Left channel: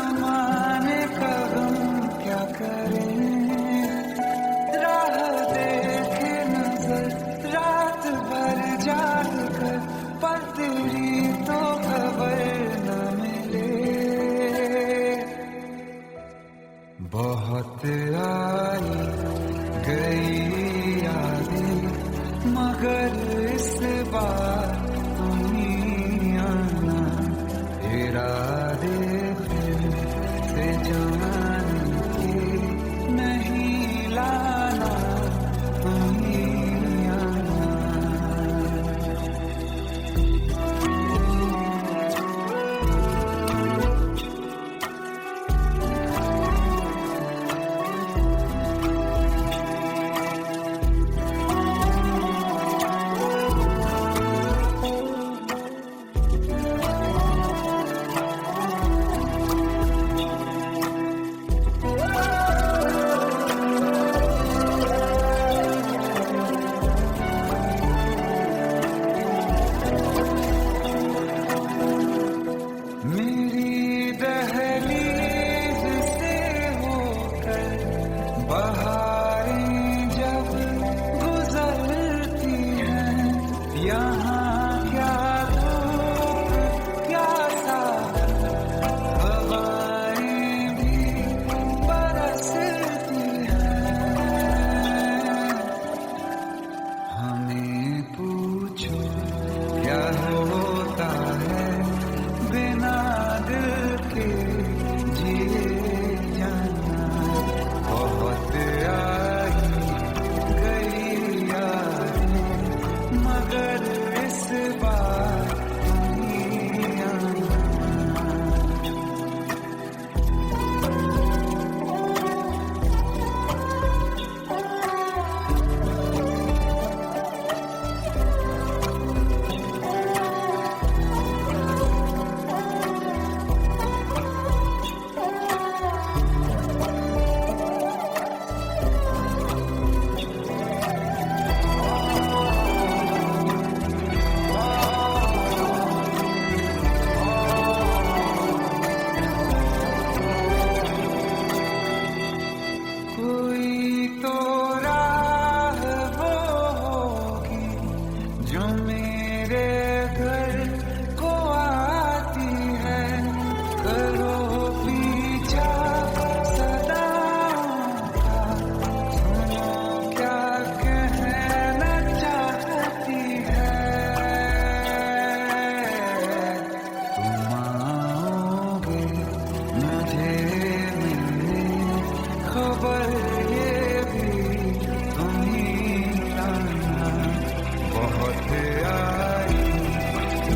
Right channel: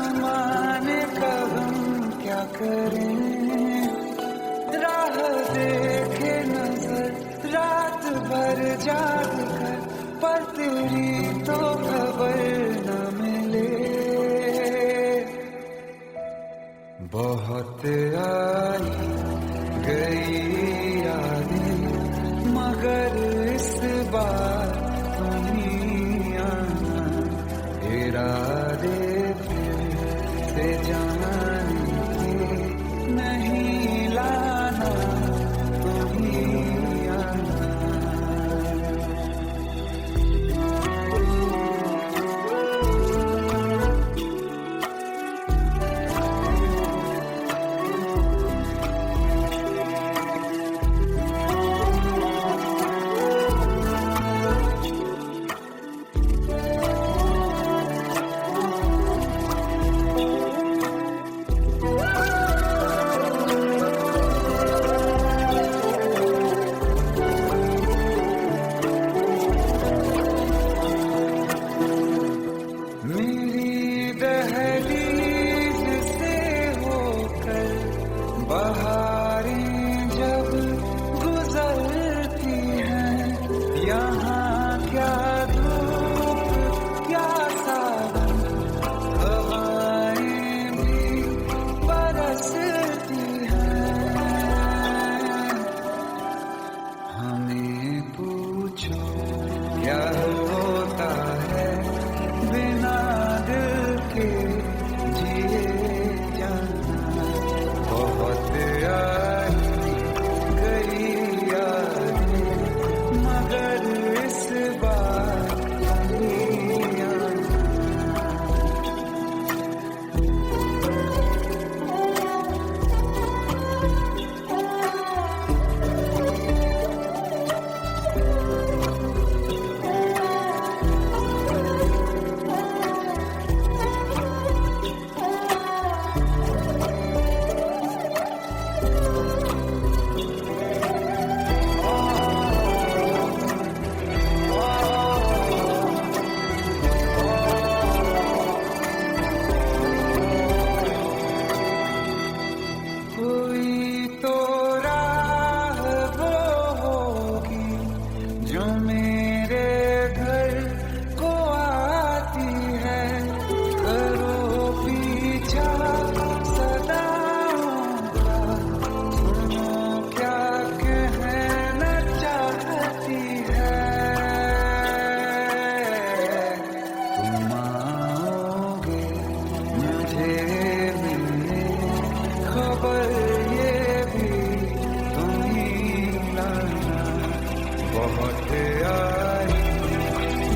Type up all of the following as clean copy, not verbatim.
जमाने का गम क्या करें, राह देखे नजर रात भर जाग कर, पर तेरी तो खबर न मिले। बहुत आई गई यादें मगर इस बार तुम ही आना, इरादे फिर से जाने के नहीं लाना, तुम ही आना। मेरी दहलीज से होकर बहारें जब गुजरती हैं, यहाँ क्या धूप क्या सावन, हवाएं भी बरसती हैं। हमें पूछो क्या होता है बिना दिल के जिए जाना, बहुत आई गई यादें मगर इस बार नहीं आना। कोई तो राह वो होगी जो मेरे घर को आती है, करो पीछा सदाओं का, सुनो क्या कहना चाहती है। तुम आओगे मुझे मिलने, खबर ये भी तुम ही लाना, बहुत आई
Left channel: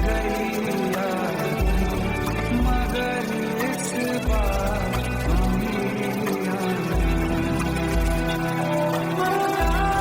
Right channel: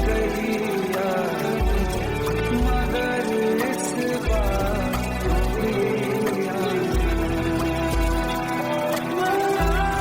गई यादें मगर इस बार तुम ही आना। मर जाना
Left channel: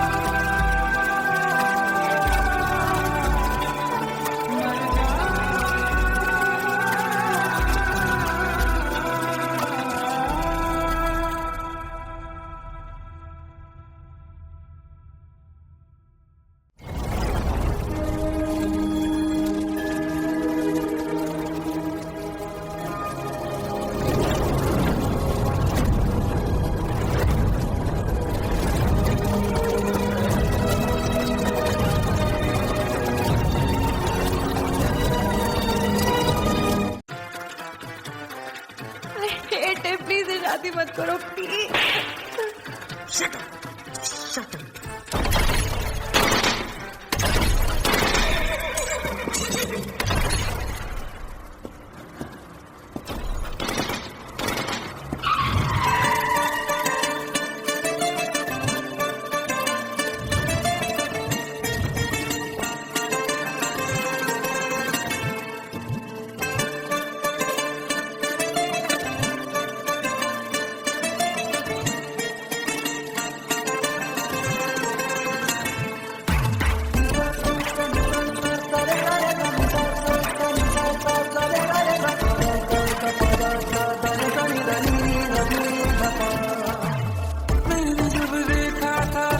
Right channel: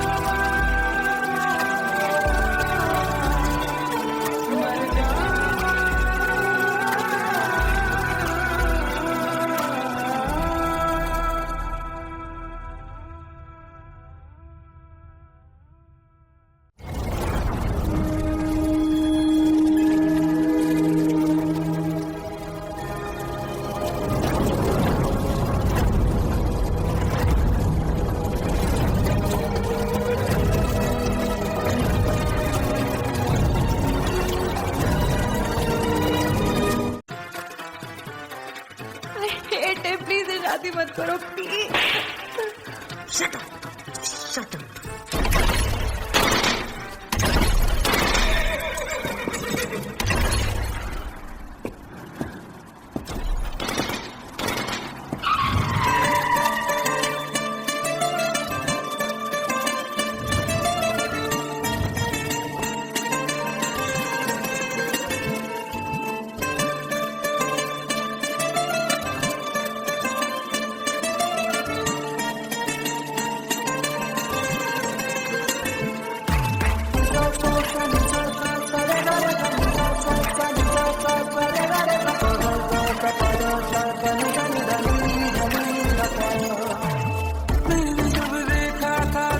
प्लीज शादी मत करो please. Shut up, shut up.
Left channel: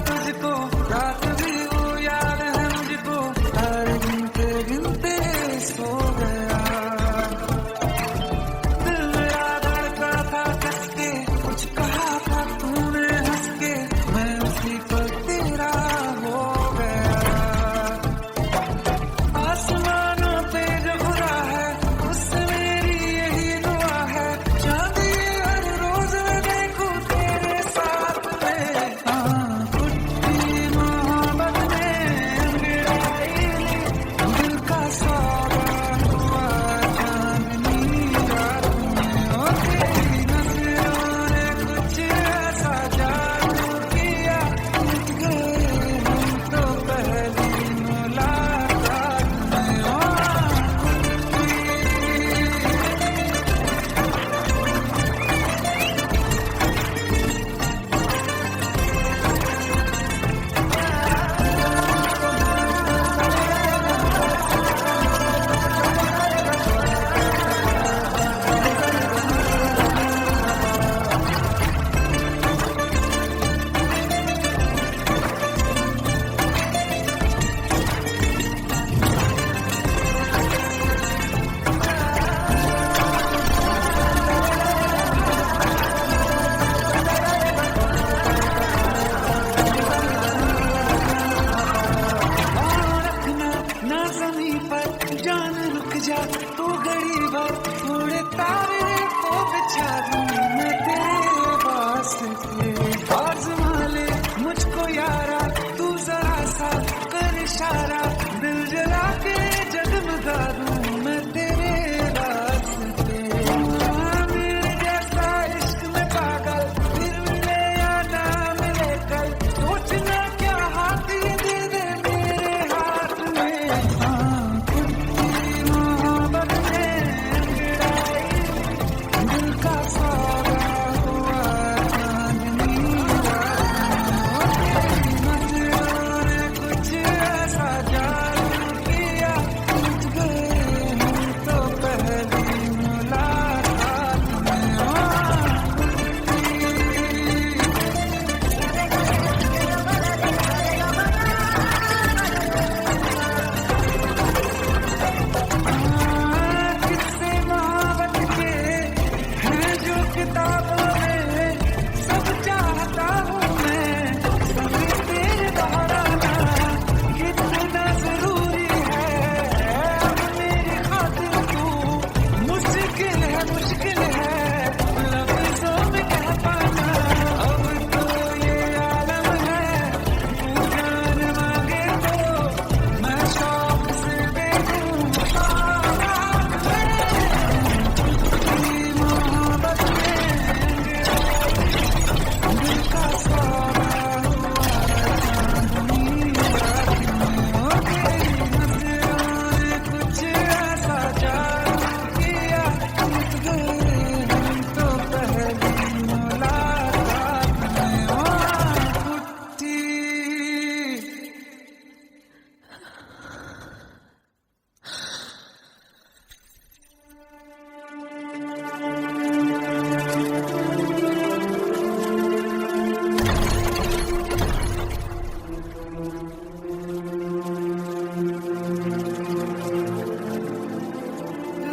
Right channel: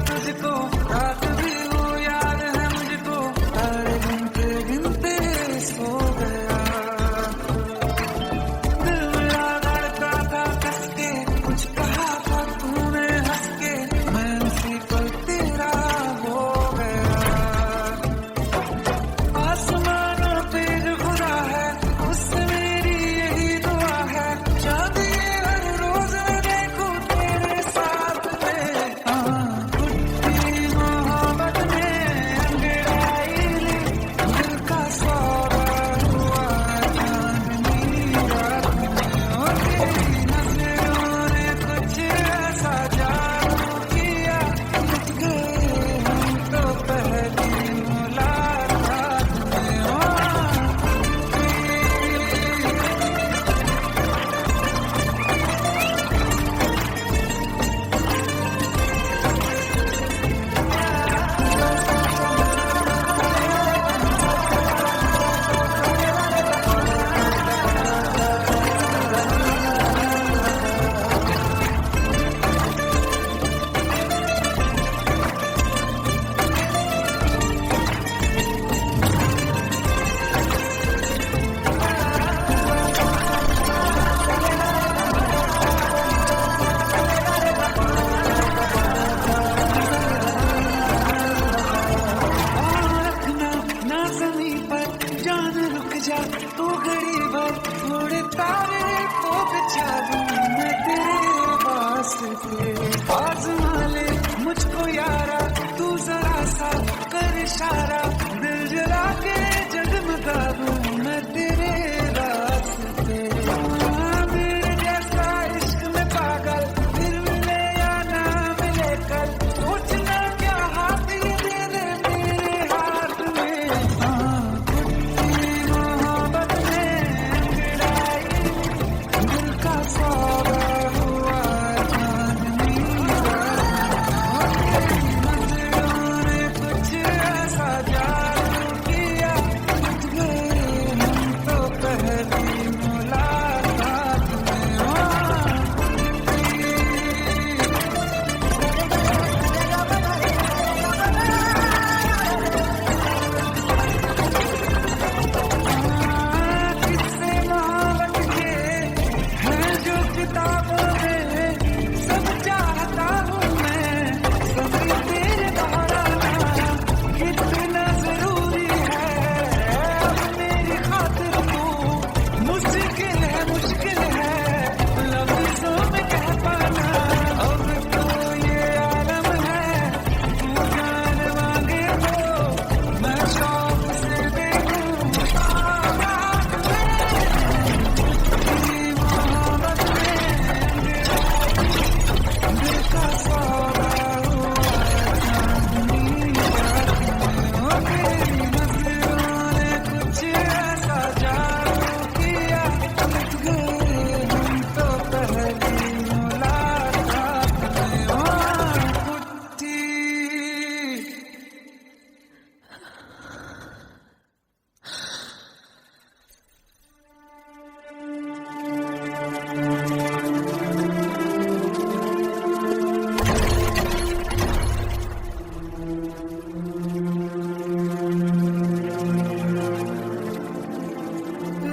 तुझको रात भी वो याद है मुझको, तारे गिनते गिनते सो गया, दिल मेरा धड़कन आजमा ले मुझको यारा, तू जरा सा कर इशारा, दिल जला के जगमगा दूं मैं तेरे रास्ते। मेरे जैसा इश्क में पागल फिर मिले या ना मिले कल, सोचना क्या हाथ ये दे दे मेरे हाथ में। कुत्ती मोहब्बत में अंगड़ाई दिल का सौदा हुआ चांदनी रात में। तेरी नजरों ने कुछ ऐसा जादू किया, लुट गए हम तो पहली मुलाकात में। किस्से मोहब्बत के हैं जो किताबों में, सब चाहता हूँ मैं सभी तेरे दोहराना, कितना जरूरी है अब मेरी खातिर तू। मुश्किल है लफ्जों में कह पाना, अब तो ये आलम है तू जान मांगे तो मैं शौक से दे दूं बारात में। तेरी मोहब्बत में अंगड़ाई दिल का सौदा हुआ चांदनी रात में। तेरी नजरों ने कुछ ऐसा जादू किया, लुट गए हम तो पहली मुलाकात में। कुट्टी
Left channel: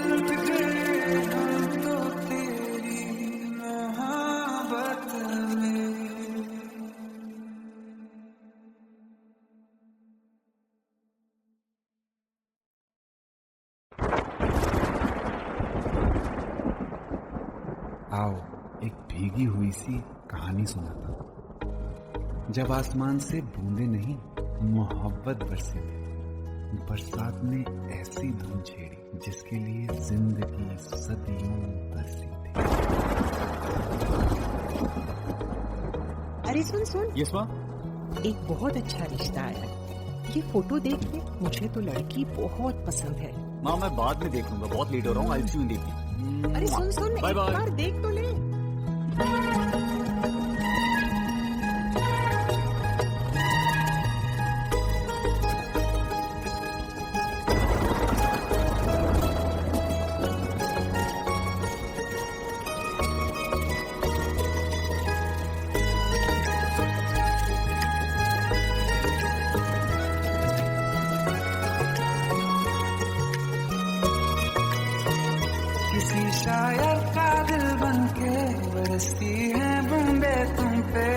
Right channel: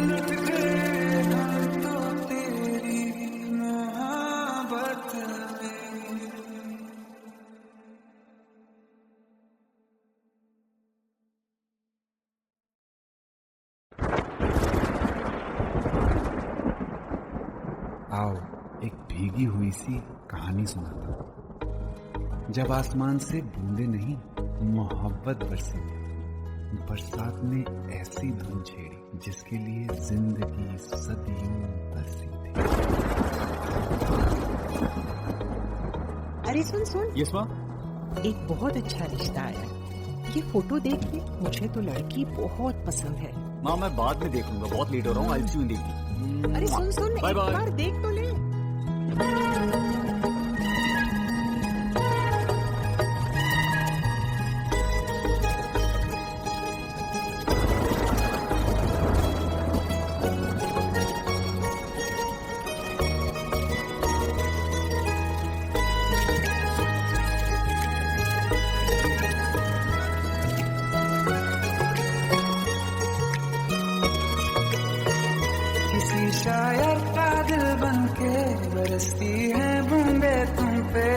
लुट गए हम तो तेरी मोहब्बत में। आओ एक भीगी हुई सी कहानी सुनाता हूं। जब आसमान से बूंदे नहीं मोहब्बत बरसी थी, बरसात ने ऐसी धुन छेड़ी जिसके लिए जिंदगी सदियों तरसी थी। अरे सुन सुन, यस माँ। एक बहुत अच्छा रिश्ता आया है। ये फोटो देख ले, मुझे तो लड़की बहुत पसंद है। माँ मैं बाद में देख लूंगा, बहुत लेट हो रहा हूँ। आई सी यू इन द इवनिंग। अरे सुन सुन, बाय एक बाय। बार देख तो ले। किसी शायर का दिल बनके बरसती है बूंदे तुम पे।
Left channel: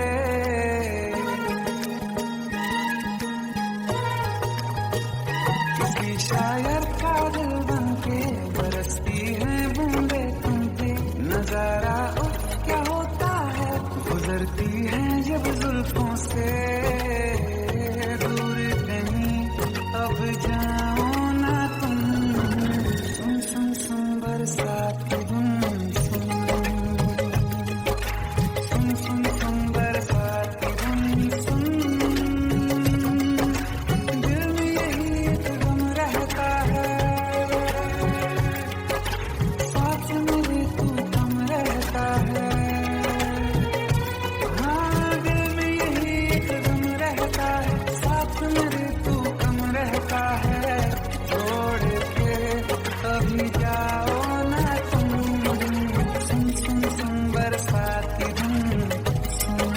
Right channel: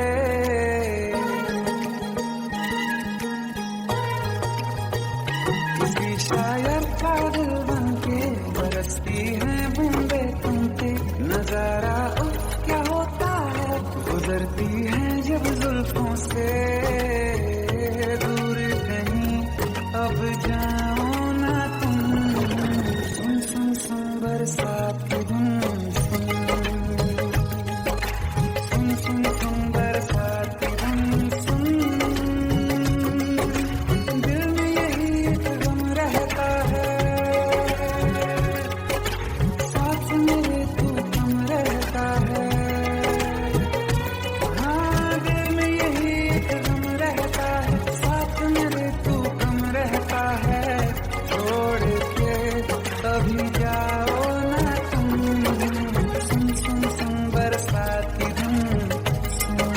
किसी शायर का दिल बनके बरसती है बूंदे तुम पे। नजारा उफ क्या होता है, गुजरती है जब जुल्फों से दूर कहीं अब जाओ ना तुम। सुन सुन सुन बरसात की धुन, सुन सुन सुन सुन बरसात की धुन सुन। दिल में यही एक गम रहता है, साथ मेरे तू कम रहता है। हाँ दिल में यही एक गम रहता है, साथ मेरे तू कम रहता है। छोड़ के अभी जाओ ना तुम, सुन सुन सुन बरसात की धुन सुन।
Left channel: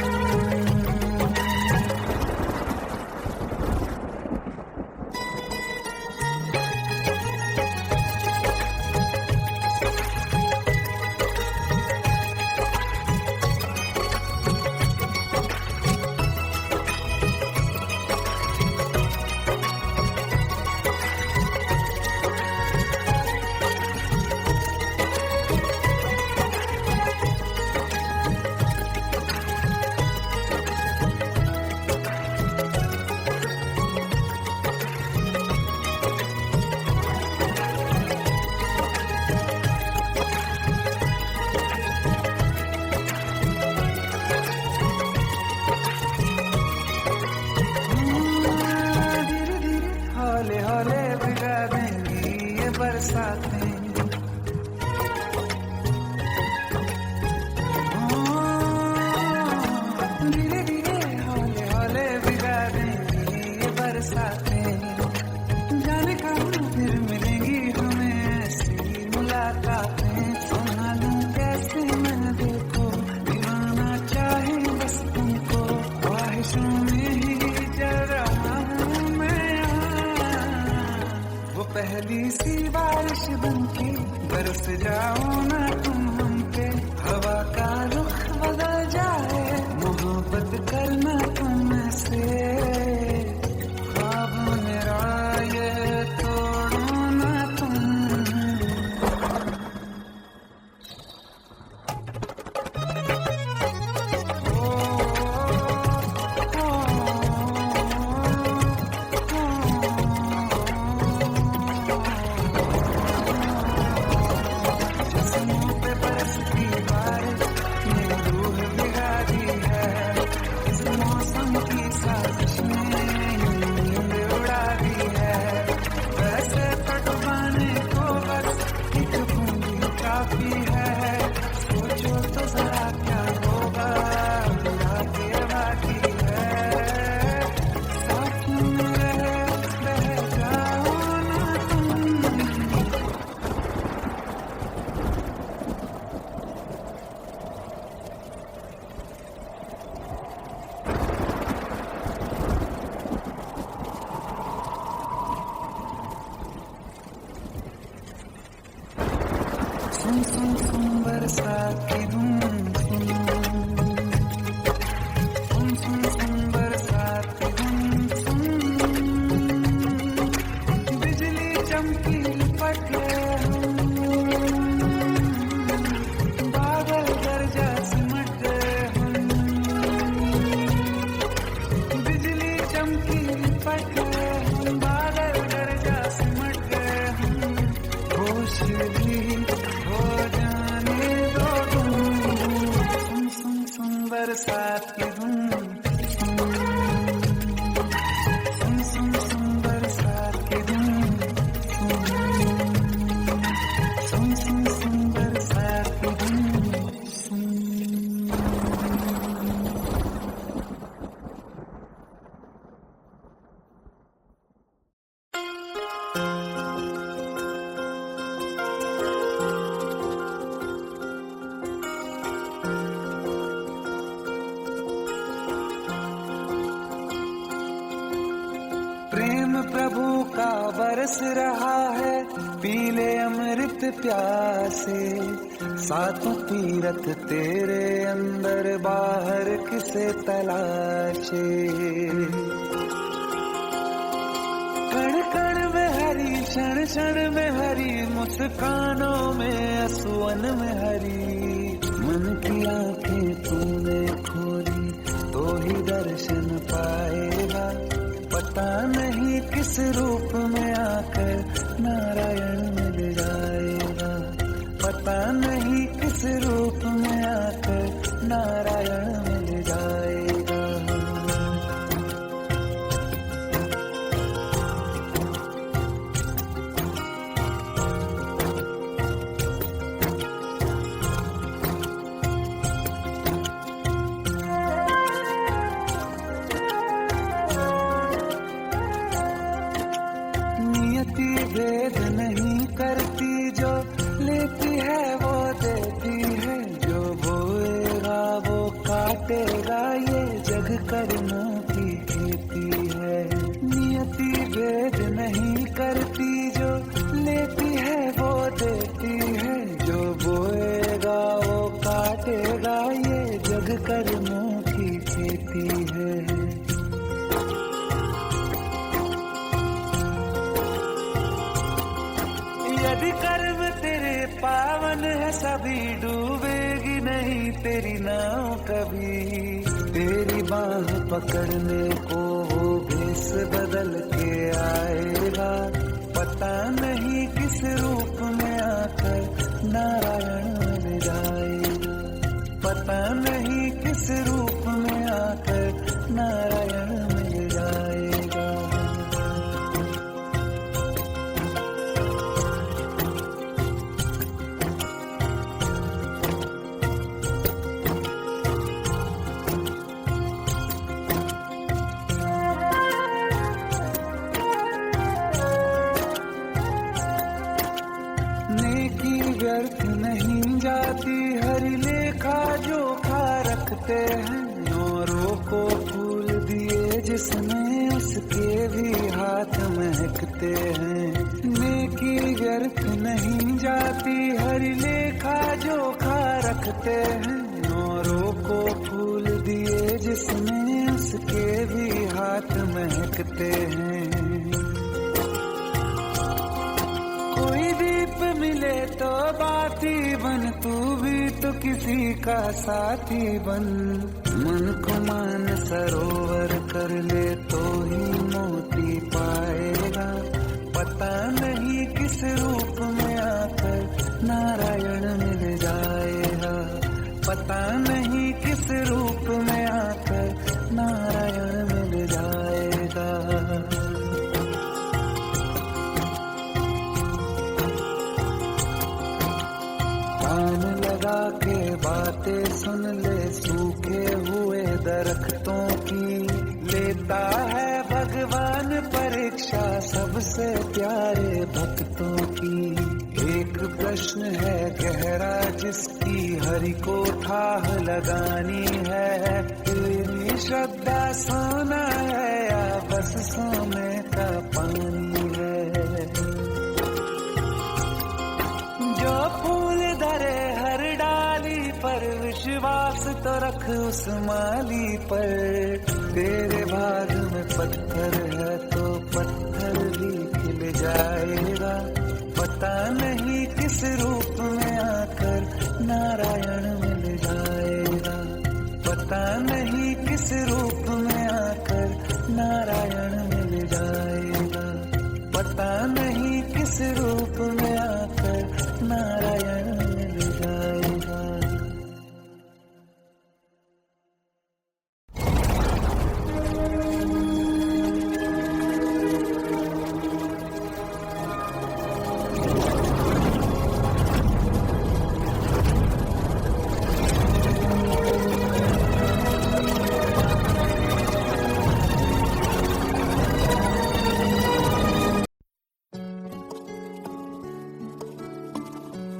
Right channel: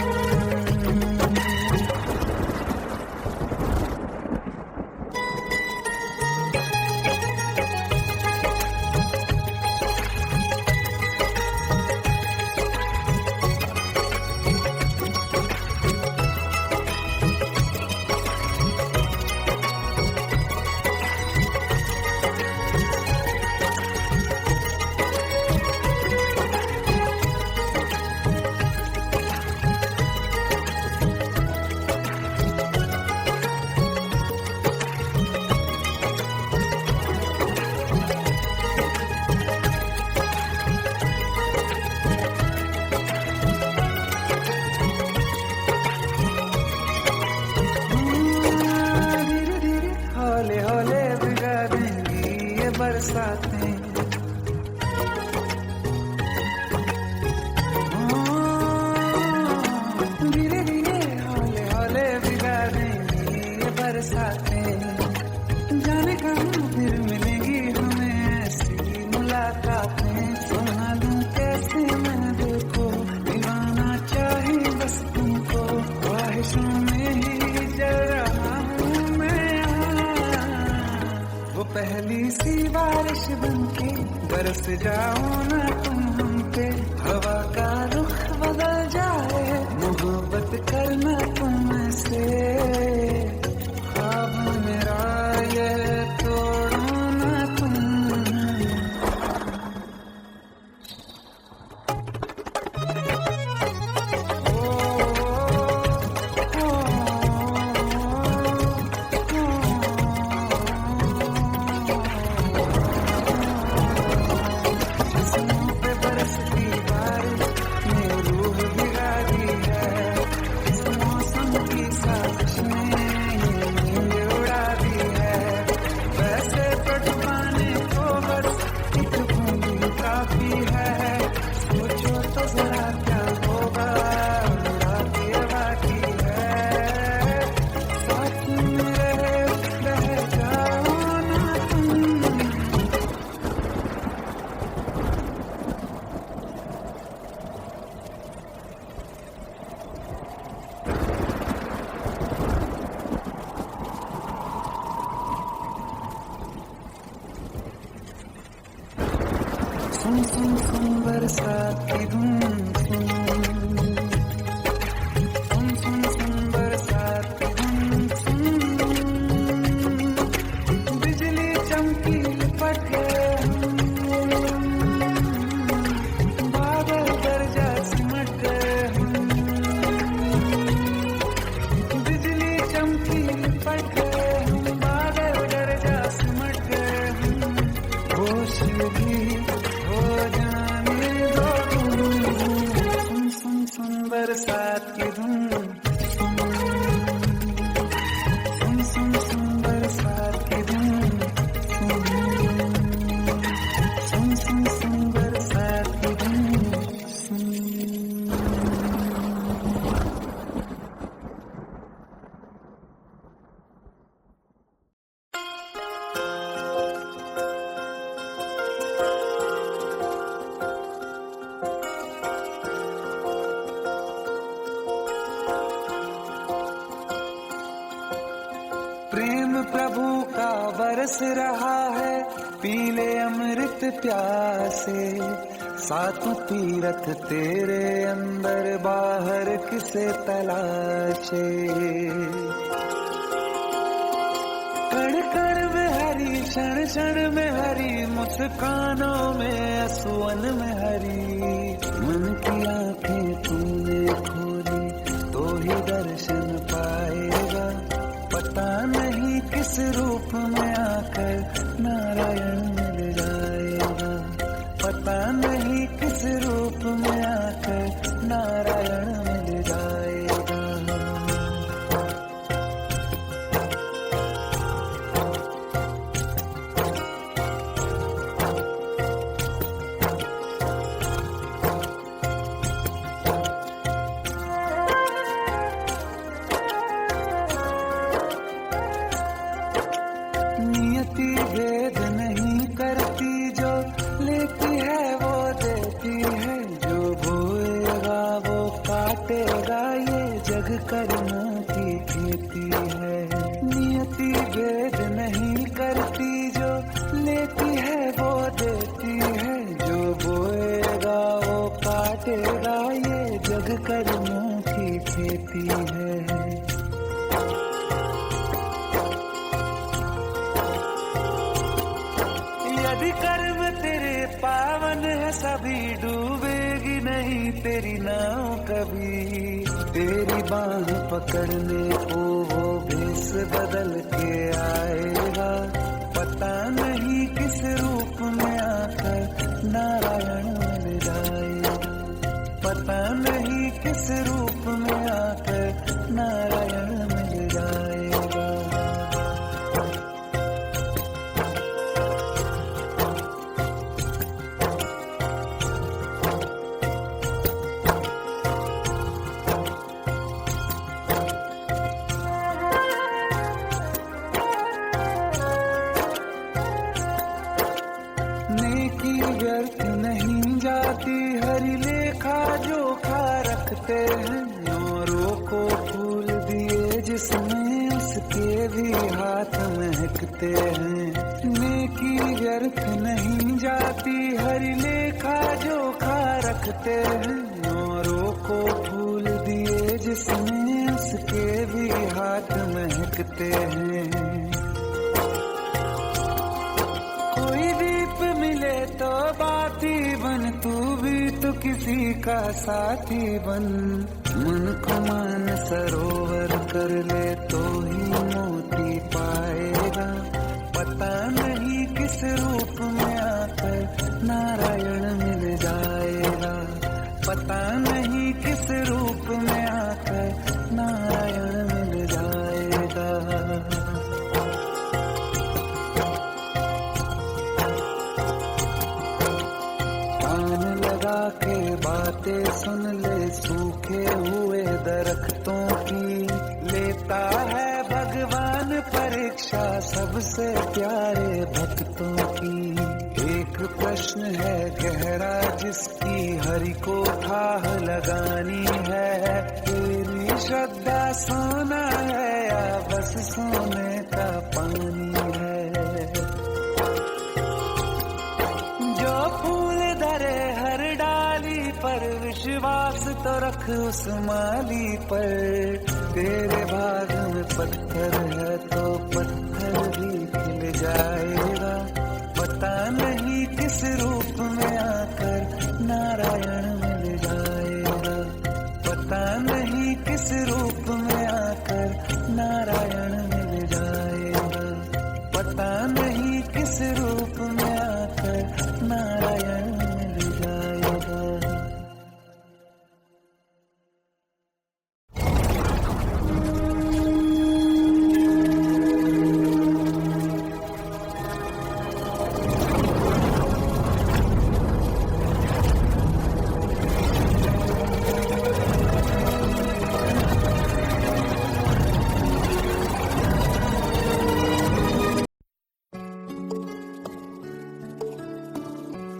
बरसातें। धीरे धीरे हौले हौले भिगा देंगी ये बरसातें। जाने कहाँ फिर मिलेंगी हमें ऐसी मुलाकातें। संभालूं कैसे मैं दिल को, दीवाना चाहे बस तुमको। ख्वाहिशों में ही जल रहा हूँ मैं यहाँ। वो पहली सी बारिश बनके बरस जाओ ना तुम हम पे। हवा का रुख बदल जाए, मोहब्बत करना तुमसे। ख्वाब मेरा ये तोड़ो ना तुम। जिस्मों पे बरसती बारिश ने रूह भिगा दी है। इस मौसम की साजिश ने ये नींद उड़ा दी है। वैसे तो डुबाने को बस एक बूंदी काफी है। सोचो तो जरा क्या होगा, रात ये बाकी है। साथ मेरे बह जाओ ना तुम। सुन सुन सुन बरसात की धुन सुन। सुन सुन सुन बरसात की धुन सुन। बिजली चमकी लिपट गए हम, बादल गरजा सिमट गए हम। बिजली चमकी लिपट गए हम, बादल गरजा सिमट गए हम। होश भी हो जाने दो तुम। सुन सुन सुन बरसात की धुन सुन। सुन सुन सुन बरसात की धुन सुन। सुन सुन सुन बरसात की धुन सुन। प्रेम प्रभु का बरस रहा है, पीले अमृत प्यासे। सातों तीरथ तेरे अंदर, बाहर किसे तलाशे। कण कण में हरी, क्षण क्षण में हरी, मुस्कानों में असुवन में हरी। मन की आंखें तूने खोली तो ही दर्शन पाएगा। पता नहीं किस रूप में आकर नारायण मिल जाएगा। पता नहीं किस रूप में आकर नारायण मिल जाएगा। नियति भेद नहीं करती, जो लेती है वो देती है। जो बोएगा वो काटेगा, ये जग कर्मों की खेती है। नियति भेद नहीं करती, जो लेती है वो देती है। जो बोएगा वो काटेगा, ये जग कर्मों की खेती है। यदि कर्म तेरे पावन है, सभी डूबेगी नहीं तेरी नाव कभी। तेरी बाह पकड़ने को वो भेष बदल के आएगा। पता नहीं किस रूप में आकर नारायण मिल जाएगा। पता नहीं किस रूप में आकर नारायण मिल जाएगा। जोखा रखते हैं, औरों को फूल दिए जिसमें उसके भी हाथ महकते हैं। नेकी व्यर्थ नहीं जाती, हर लेखा जोखा रखते हैं, औरों को फूल दिए जिसमें उसके भी हाथ महकते हैं। कोई दीप मिले तो बाती बन, तू भी तो किसी का साथी बन। मन को मान सरोवर कर ले तो ही मोती पाएगा, पता नहीं किस रूप में आकर नारायण मिल जाएगा, पता नहीं किस रूप में आकर नारायण मिल जाएगा। कान लगा के बातें सुन ले सूखे हुए दरख्तों की, लेता है भगवान परीक्षा सबसे प्यारे भक्तों की। एक प्रश्न है गहरा जिसकी हरि को थाह लगानी है, तेरी श्रद्धा सोना है या बस सोने का पानी है। जो फूल धरे हर डाली पर, विश्वास तो रख उस माली पर। तेरे भाग में पत्थर है तो पत्थर भी खिल जाएगा, पता नहीं किस रूप में आकर नारायण मिल जाएगा, पता नहीं किस रूप में आकर नारायण मिल जाएगा, पता नहीं किस रूप में आकर नारायण मिल जाएगा।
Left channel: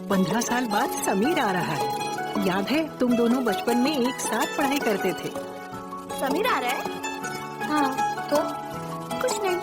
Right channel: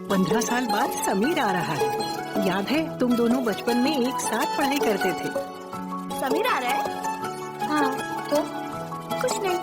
पंद्रह साल बाद समीर आ रहा है। याद है तुम दोनों बचपन में एक साथ पढ़ाई करते थे। समीर आ रहा है? हाँ तो कुछ नहीं।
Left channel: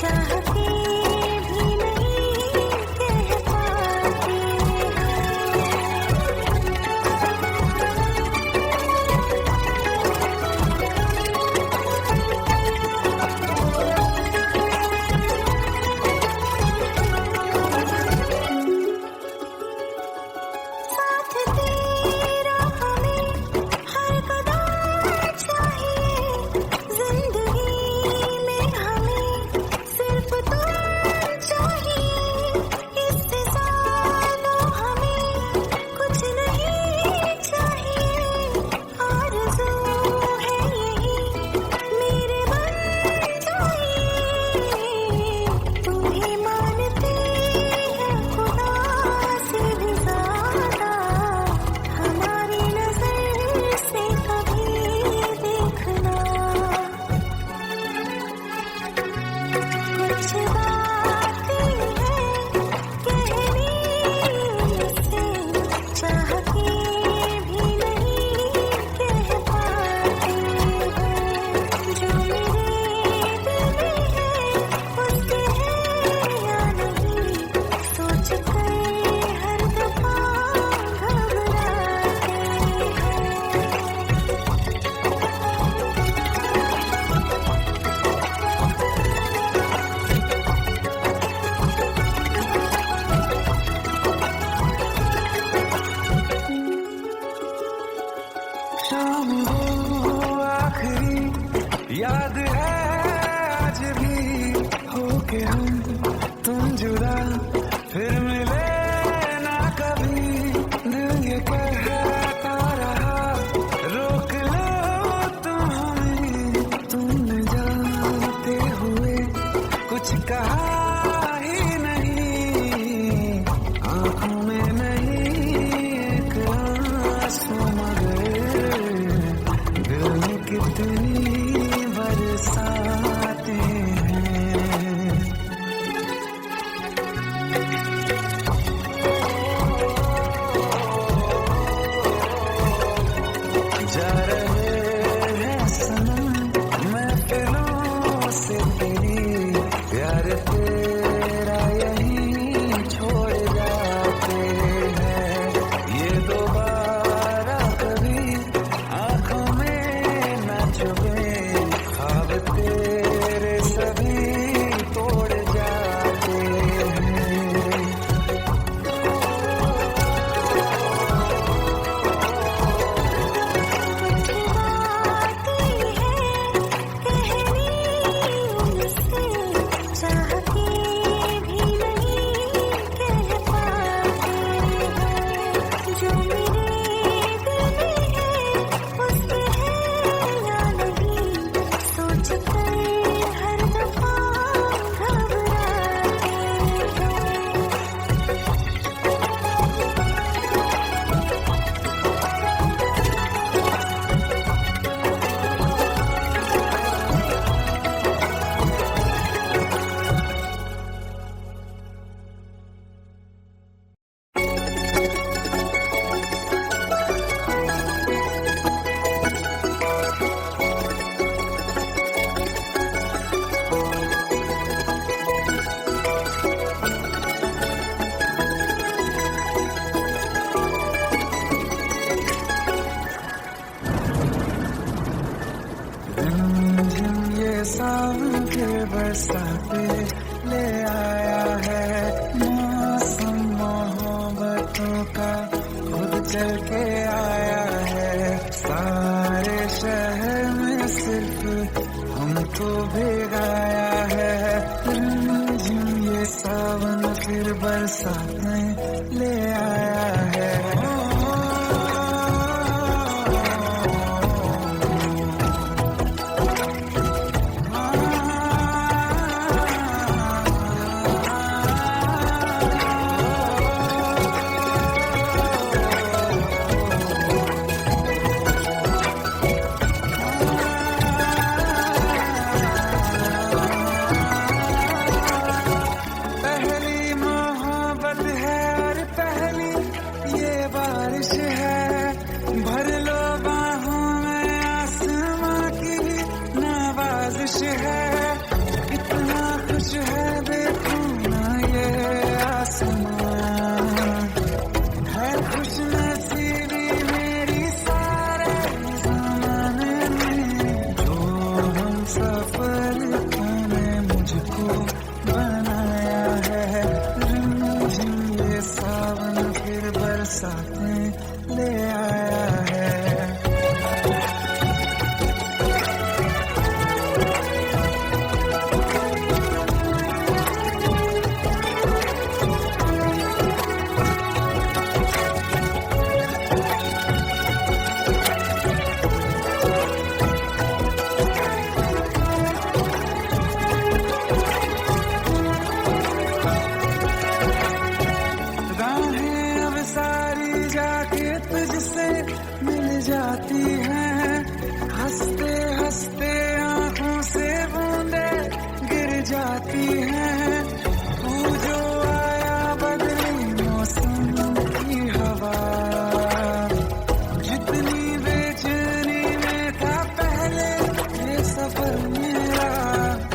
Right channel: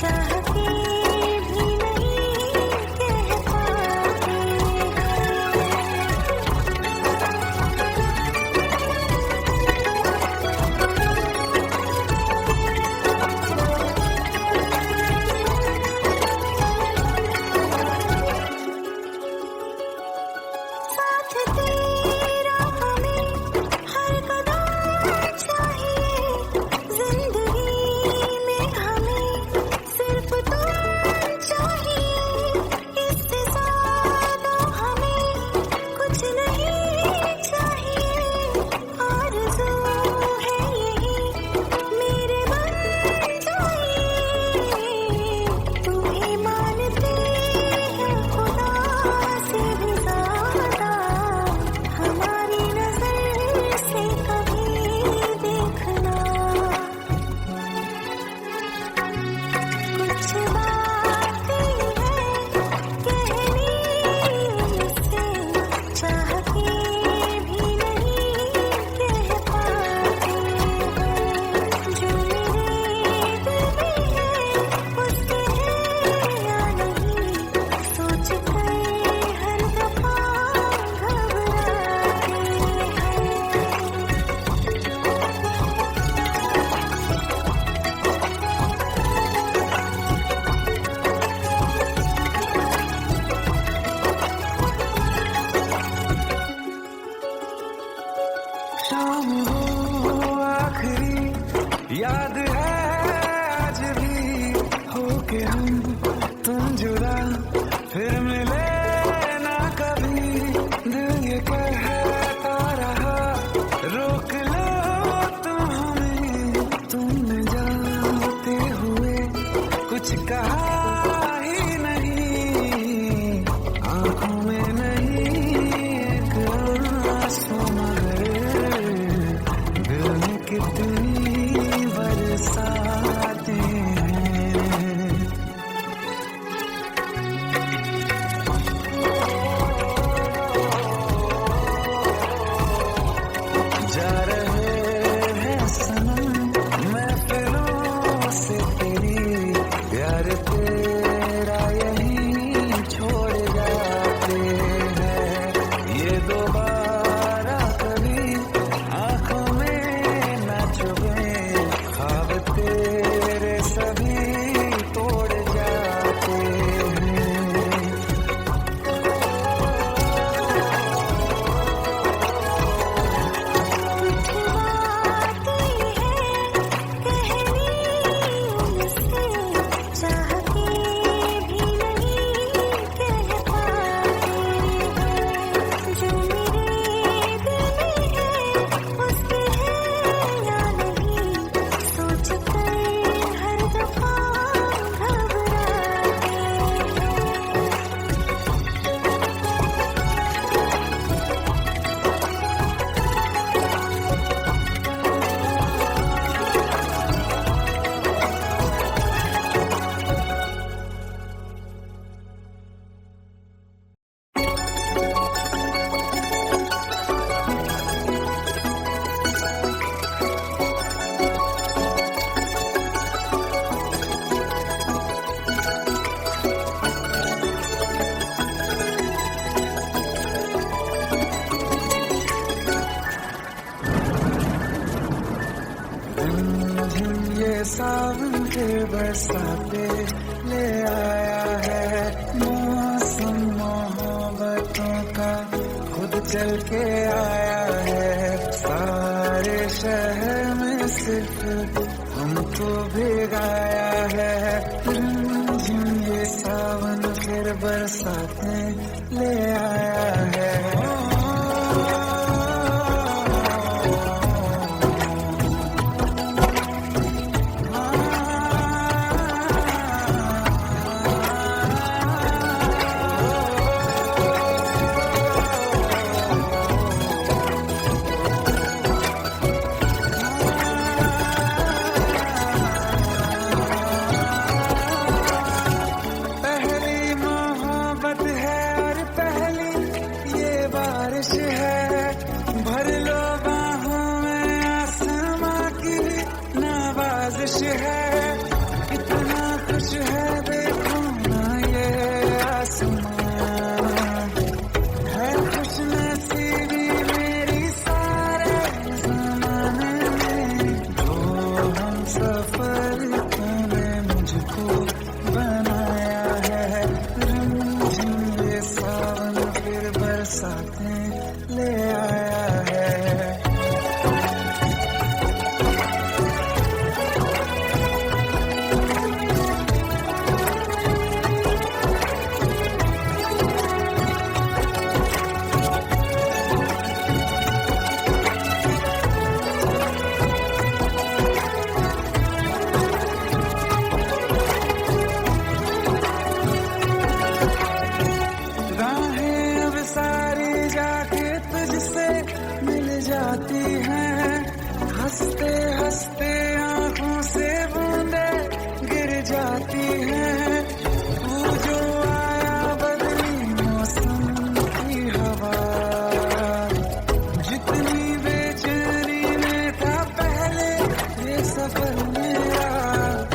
चाहती के हम तुम जुदा फिर मिले ना कभी, दिल ये कहता रहा रोक लो तुम हमें, तुमने जाते हुए कुछ कहा ही नहीं, आंखों में नहीं एक आंसू मगर दिल में कितनी बरसाते हैं। जा रहे हैं सनम महफिलों से तेरी, प्यार तेरा यहीं छोड़ जाते हैं, ये दोबारा कभी आंखों में न चुभे, ख्वाब तेरे सभी तोड़ जाते हैं। कुछ बातें हैं कहनी उनसे, चाह के भी नहीं कह पाते हैं, जो मेरे दिल में है उस पे है या नहीं, सोच कर हर दफा घबराते हैं। रिमझिम ये सावन फिर बरसाते ले आया है, मौसम मोहब्बतों का खुद चल के आया है, सारे शहर में सिर्फ हमको भिगाया है, रिमझिम ये सावन फिर बरसाते ले आया है। पहली मोहब्बत है और पहली ये बारिश है, भर लो बाहों में आसमां की नवाजिश है, कितना खुश है देखो ना ये आसमां, है खुश नसीबी मेरी सारे जमाने में, जो हम सफर तूने मुझको बनाया है, रिमझिम ये सावन फिर बरसाते ले आया है। राहें अब सारी जाके तुझसे मिल जाती हैं, हंसते हंसते आंखों से बूंदे गिर जाती हैं, तू जो आया बदली मौसम की हवा, जितनी बेचैनी में था पहले ये सफर मेरा,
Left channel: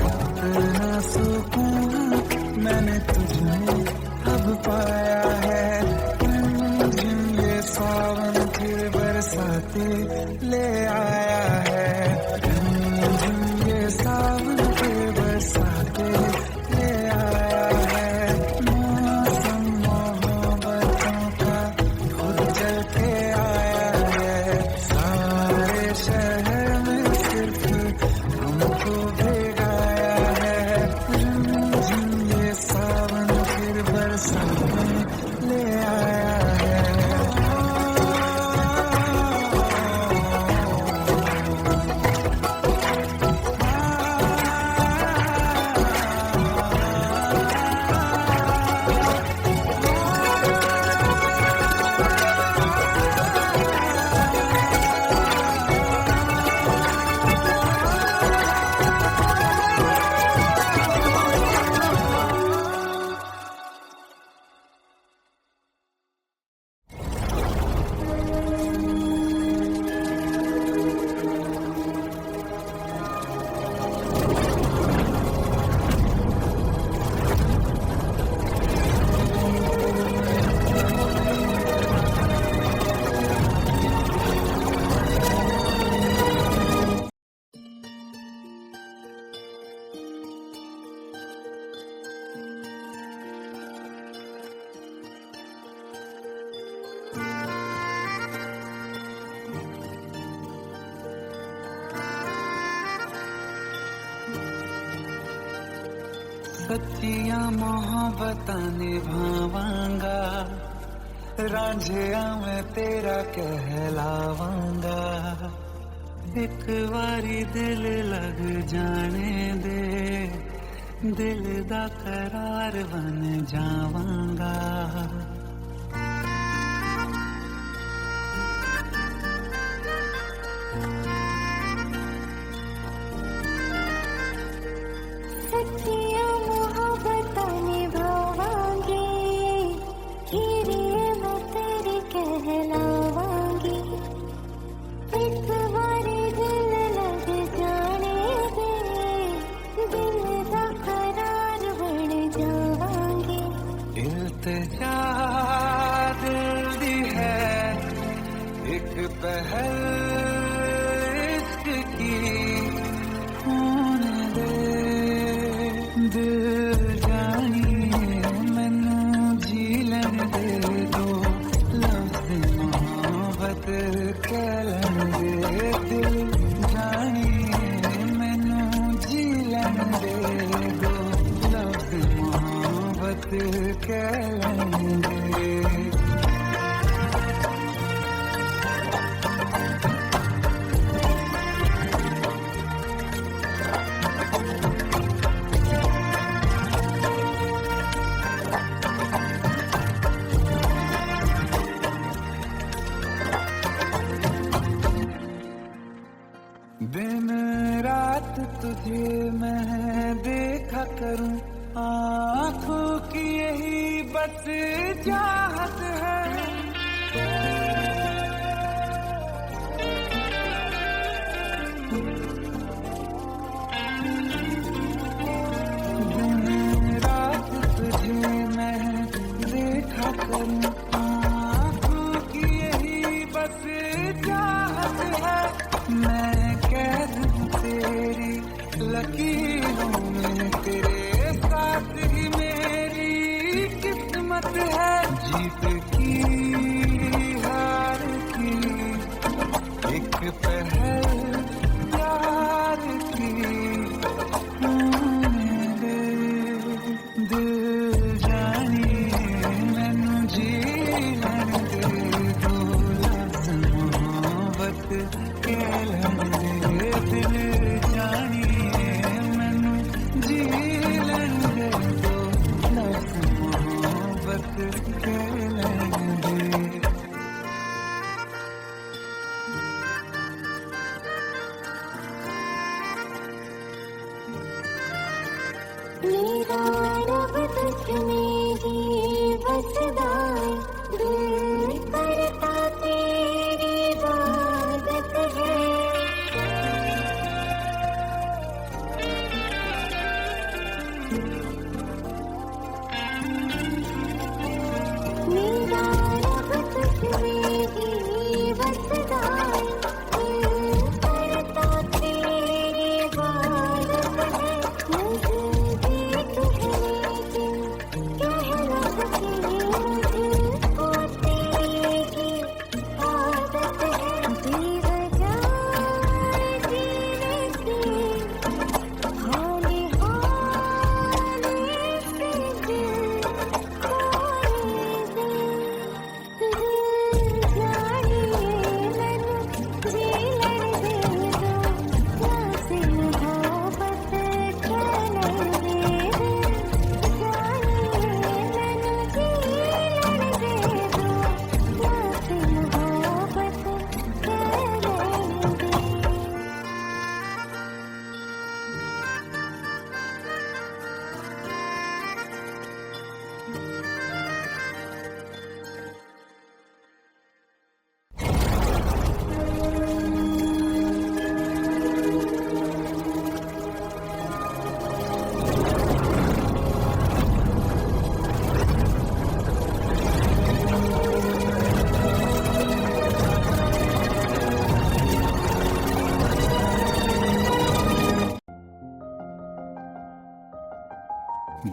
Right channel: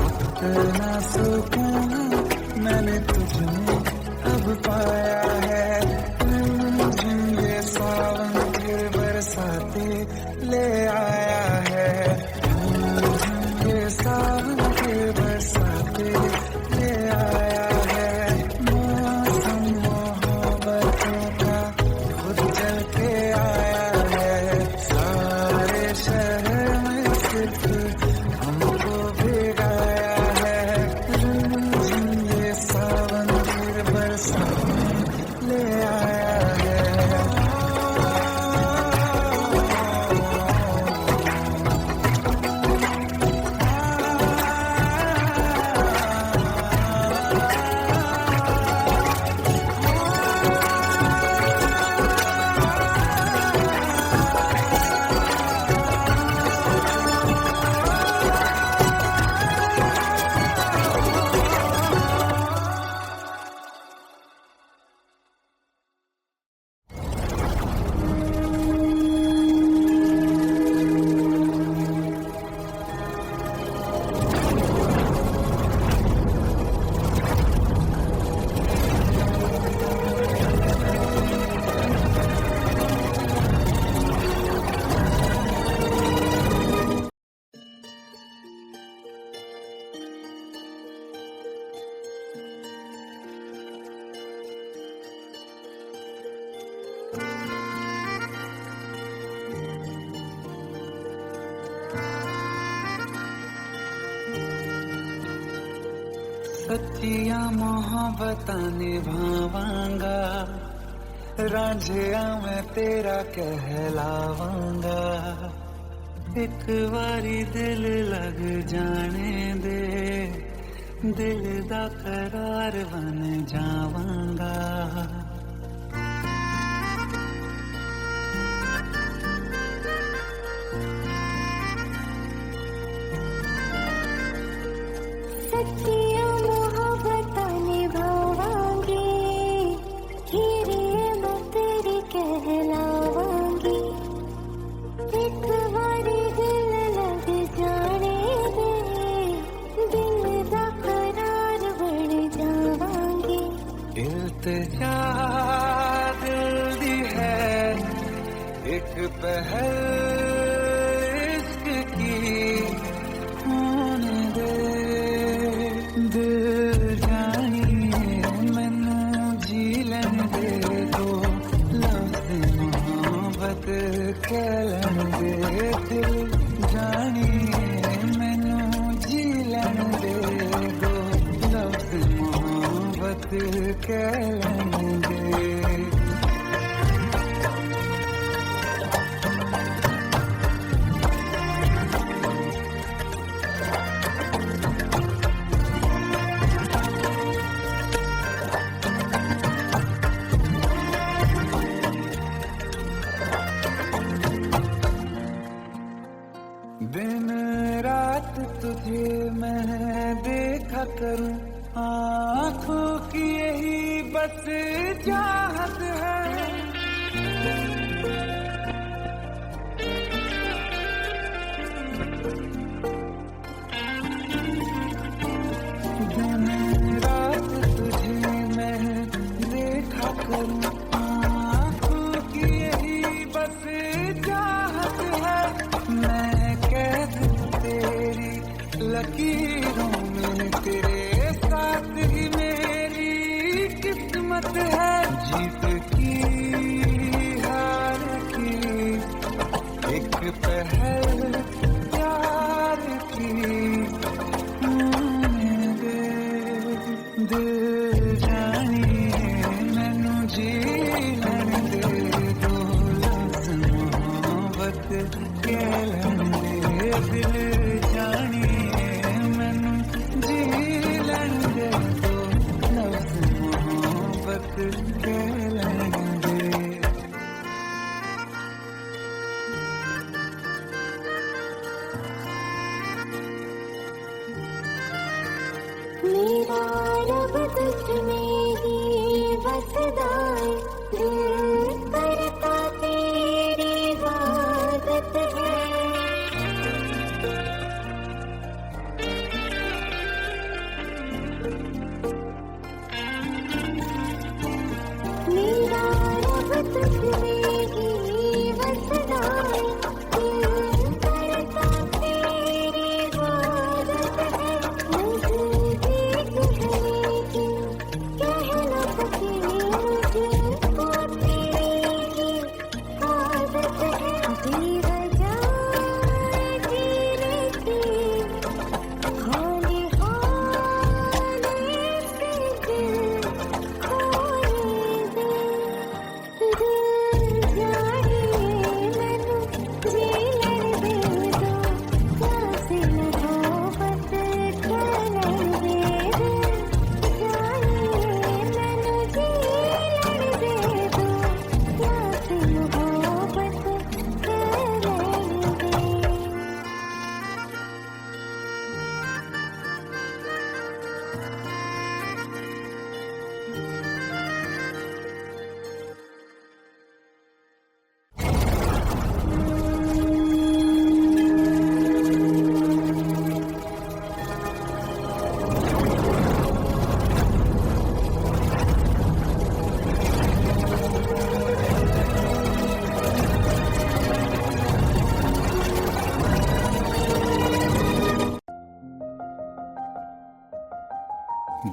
उतना सुकून मैंने तुझ में अब पाया है, रिमझिम ये सावन फिर बरसाते ले आया है, रिमझिम ये सावन फिर बरसाते ले आया है, मौसम मोहब्बतों का खुद चल के आया है, सारे शहर में सिर्फ हमको भिगाया है, सच्चिया मोहब्बतां निभावांगा, रांझिया मैं तेरा कहलावांगा। एक बारी दिल लग जाने दे, दिल दा करार बन जावांगा। सच्चिया मोहब्बतां निभावांगी, हीरे मैं तेरी कहलावांगी। एक बारी दिल लग जाने दे, दिल दा करार बन जावांगी। इल्तिजा दिल दी है एक पहल इश्क की, होने दे दिल जानिए मैनू जी लैन दे दो, लफ्ज़ मोहब्बत कह लैन दे। दिल जानिए मैनू जी लैन दे दो, लफ्ज़ मोहब्बत कह लैन दे। दिन रात तुझे मैं देखा करूं, आँखों की यही बस चाहत है। दिन रात तुझे मैं देखा करूं, आँखों की यही बस चाहत है। मैं कैद हूँ तेरी लकीरों में, तेरे साथ ही मेरी किस्मत है। जीत की हार की एक पहल प्यार की, होने दे दिल जानिए मैनू जी लैन दे दो, लफ्ज़ मोहब्बत कह लैन दे। दिल जानिए मैनू जी लैन दे दो, लफ्ज़ मोहब्बत कह लैन दे। मेरा रब तुझमें ही बसदा है, दिल करता तेरी इबादत है। मेरा रब तुझमें ही बसदा है, दिल करता तेरी इबादत है। नज़दीक है लेकिन कह न सके, मुझको तेरी ही आदत है। बेवजह जीने की हाले हाले से दिल खोने दे। दिल जानिए मैनू जी लैन दे दो, लफ्ज़ मोहब्बत कह लैन दे। दिल जानिए मैनू जी लैन दे दो, लफ्ज़ मोहब्बत कह लैन दे।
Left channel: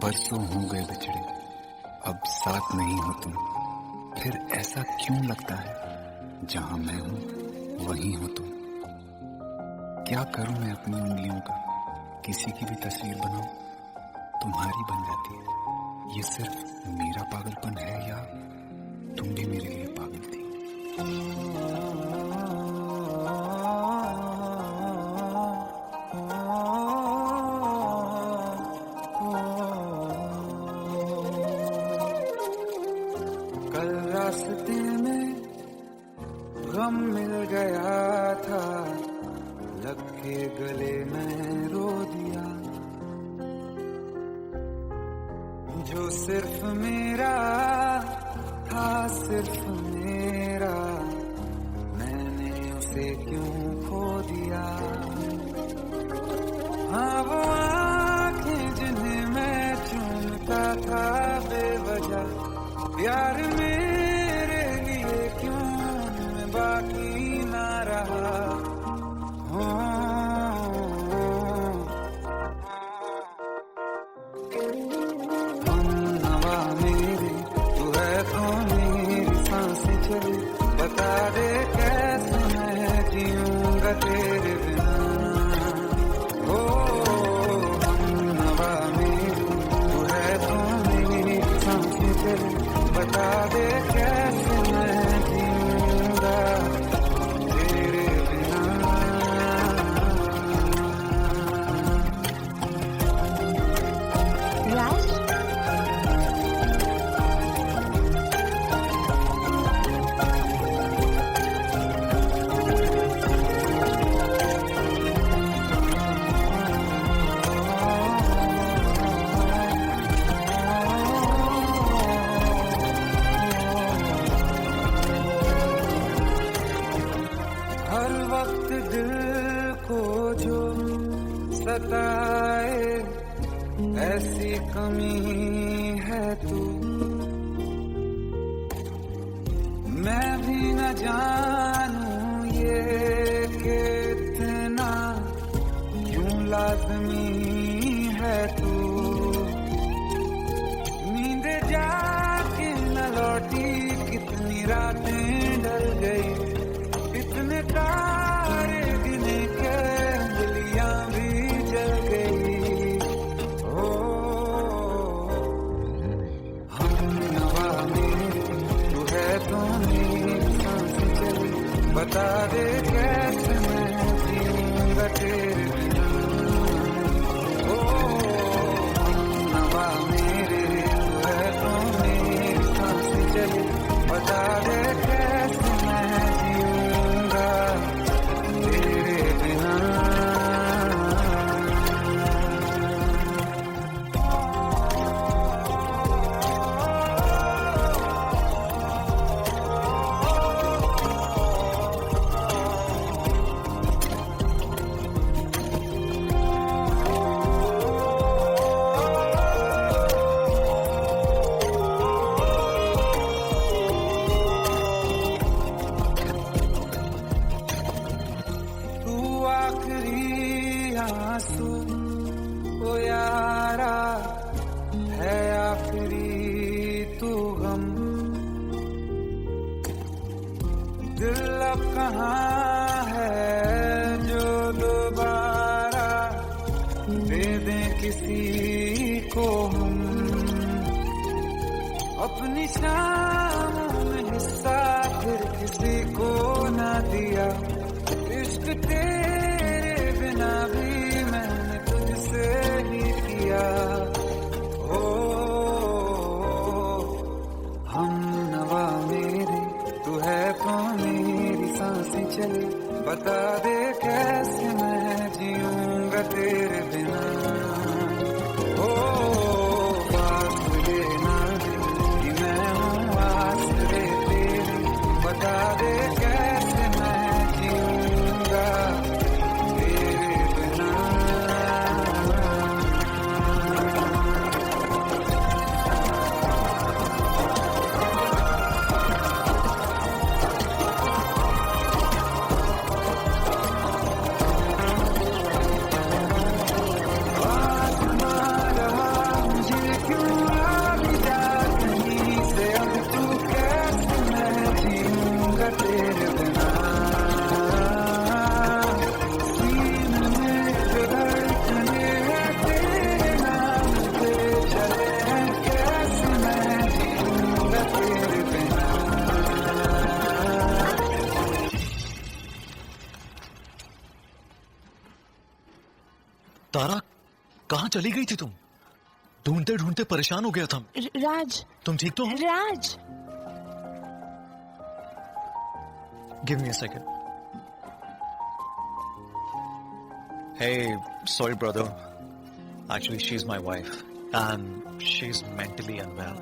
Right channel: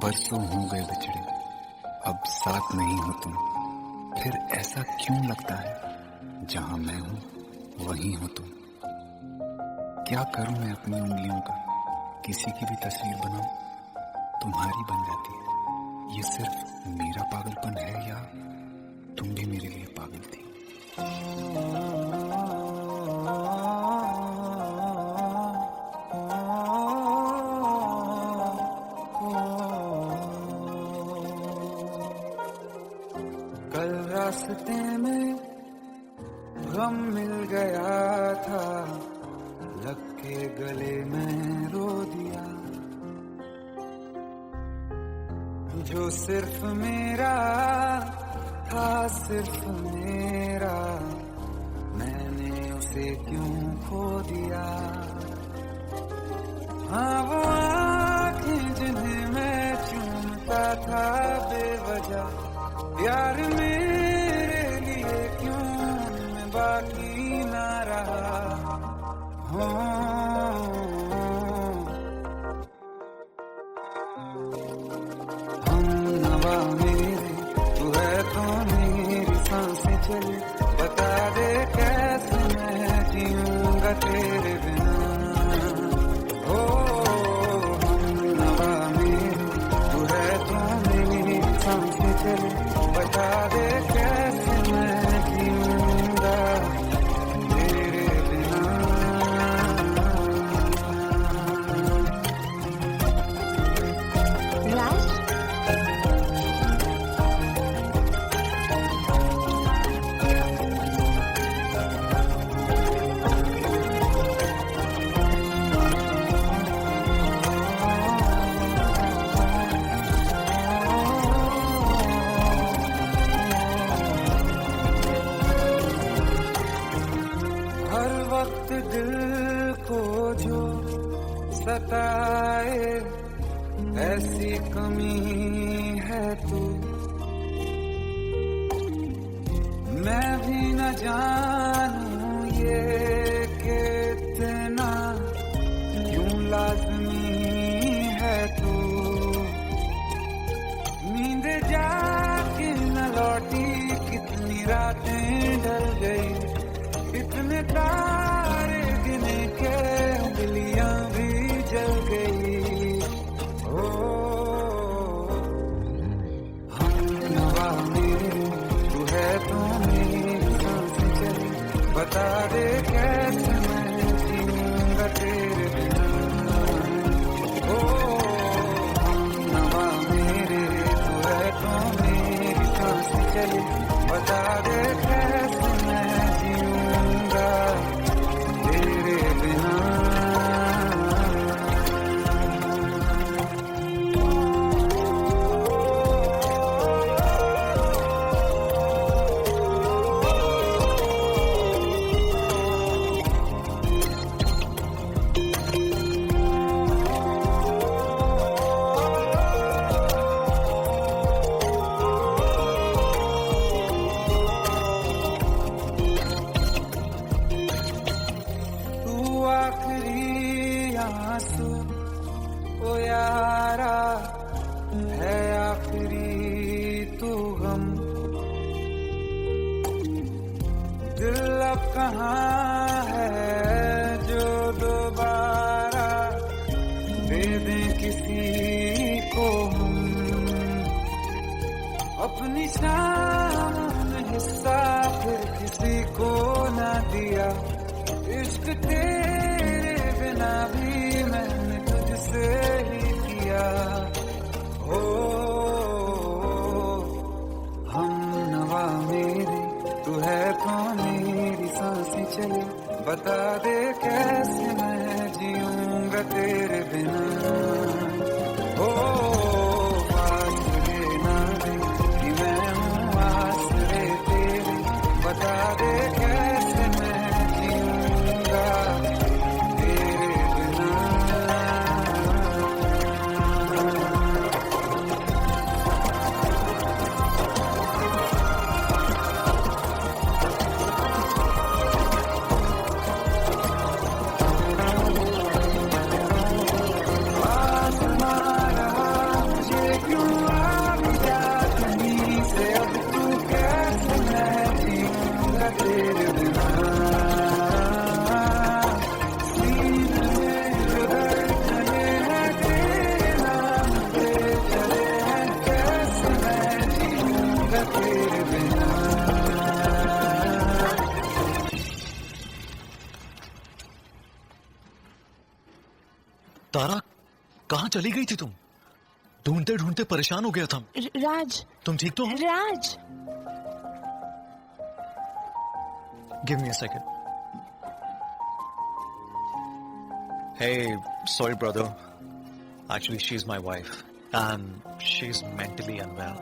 बरसों हो गए बिछड़े, अब साथ नहीं हो तुम। फिर ऐसा क्यों लगता है, जहां मैं हूं वहीं हो तुम। क्या करूं मैं अपनी उंगलियों का, किसी की भी तस्वीर बनाऊं। तुम्हारी बन जाती है। ये सिर्फ मेरा पागलपन है या तुम भी मेरे लिए पागल थी? कल रास्ते में गम मिल गया था, लग के गले में रो दिया। जो सिर्फ मेरा था, सिर्फ मेरा, मैंने उसे क्यों खो दिया। हाँ वो आँखें जिन्हें मैं चूमता था बेवजह, प्यार मेरे लिए क्यों उनमें बाकी ना रहा। हम नवा मेरे, तू है तो मेरी सांसें चले, बता दे कैसे मैं जीऊंगा तेरे बिना। हो हम नवा मेरे, तू है तो मेरी सांसें चले, बता दे कैसे मैं जीऊंगा तेरे बिना। राज, हर वक्त दिल को जो सताए, ऐसी कमी है तू। मैं भी न जानूं ये कि इतना क्यों लाज़मी है तू। नींद जाके न लौटी, कितनी रातें ढल गई, इतने तारे गिने के अंगलियां भी जल गई। ओ हम नवा मेरे, तू है तो मेरी सांसें चली, बता दे कैसे मैं जीऊंगा तेरे बिना। ओ हम नवा मेरे, तू है तो मेरी सांसें चली, बता दे कैसे मैं जीऊंगा तेरे बिना। आखिरी आंसू ओ यारा है, आखिरी तू गम। दिल अब कहाँ है जो दोबारा दे दें किसी को हम। अपनी शामों में हिस्सा फिर किसी को ना दिया, इश्क तेरे बिना भी मैंने तुझसे ही किया। ओ हम नवा मेरे, तू है तो मेरी सांसें चले, बता दे कैसे मैं जीऊंगा तेरे बिना। ओ फासले ना दे कि मैं हूँ आसरे तेरे, बता दे कैसे मैं जीऊंगा तेरे बिना। चली गई थी तुम? ढूंढते ढूंढते परेशान हो गया था। राज, तुम ठीक तो हो? Raj. Give me a second. Hey, sorry brother. Actually, she's my wife and she's mentally unwell.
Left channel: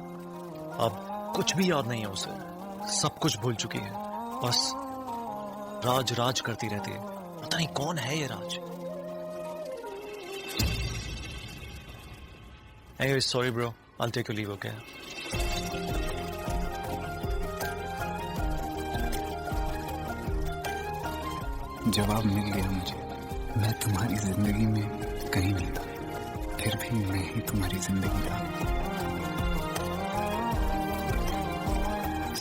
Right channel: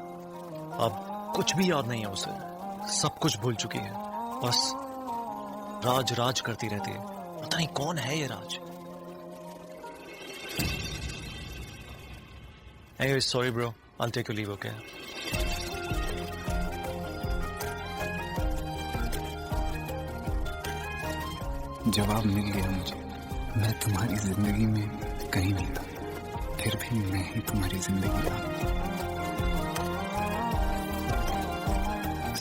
अब कुछ भी याद नहीं है उसे, सब कुछ भूल चुकी है, बस राज राज करती रहती है। पता नहीं कौन है ये राज। Hey, sorry bro. I'll take your leave, okay? जवाब मिल गया मुझे। मैं तुम्हारी जिंदगी में कहीं नहीं था, फिर भी मैं ही तुम्हारी जिंदगी था।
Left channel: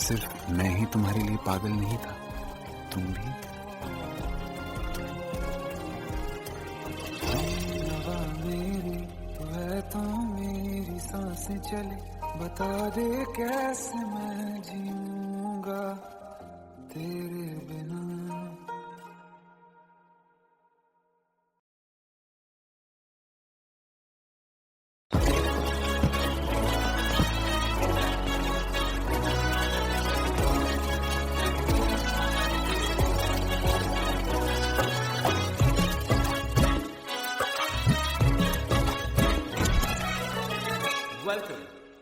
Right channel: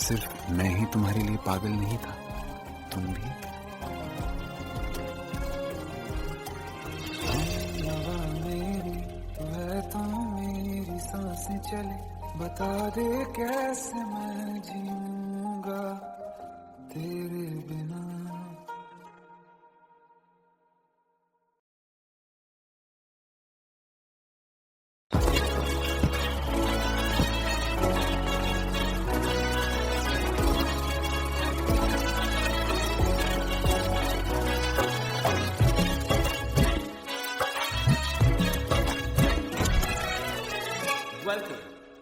सिर्फ मैं ही तुम्हारे लिए पागल नहीं था, तुम भी। हमनवा मेरी तू है तो मेरी सांसें चले, बता दे कैसे मैं जीऊंगा तेरे बिना।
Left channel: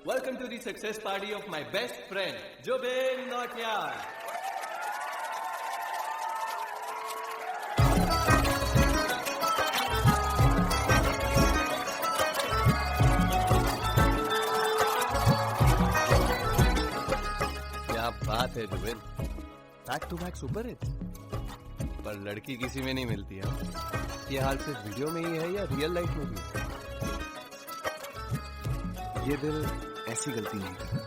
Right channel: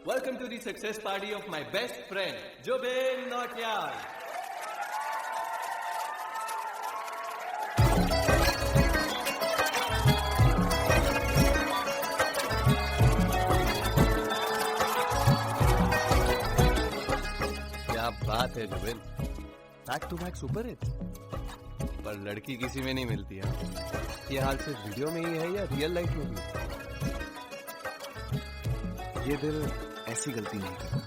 Welcome to the success party of my best friend, Jobin Nautiyar. क्या बात है Zubin, back to back super hits. पर लड़की किसी में नहीं मिलती है। ये हाल सिर्फ वीडियो में ही है या रियल लाइफ में भी? ये दिल ऐसी गलती नहीं करता।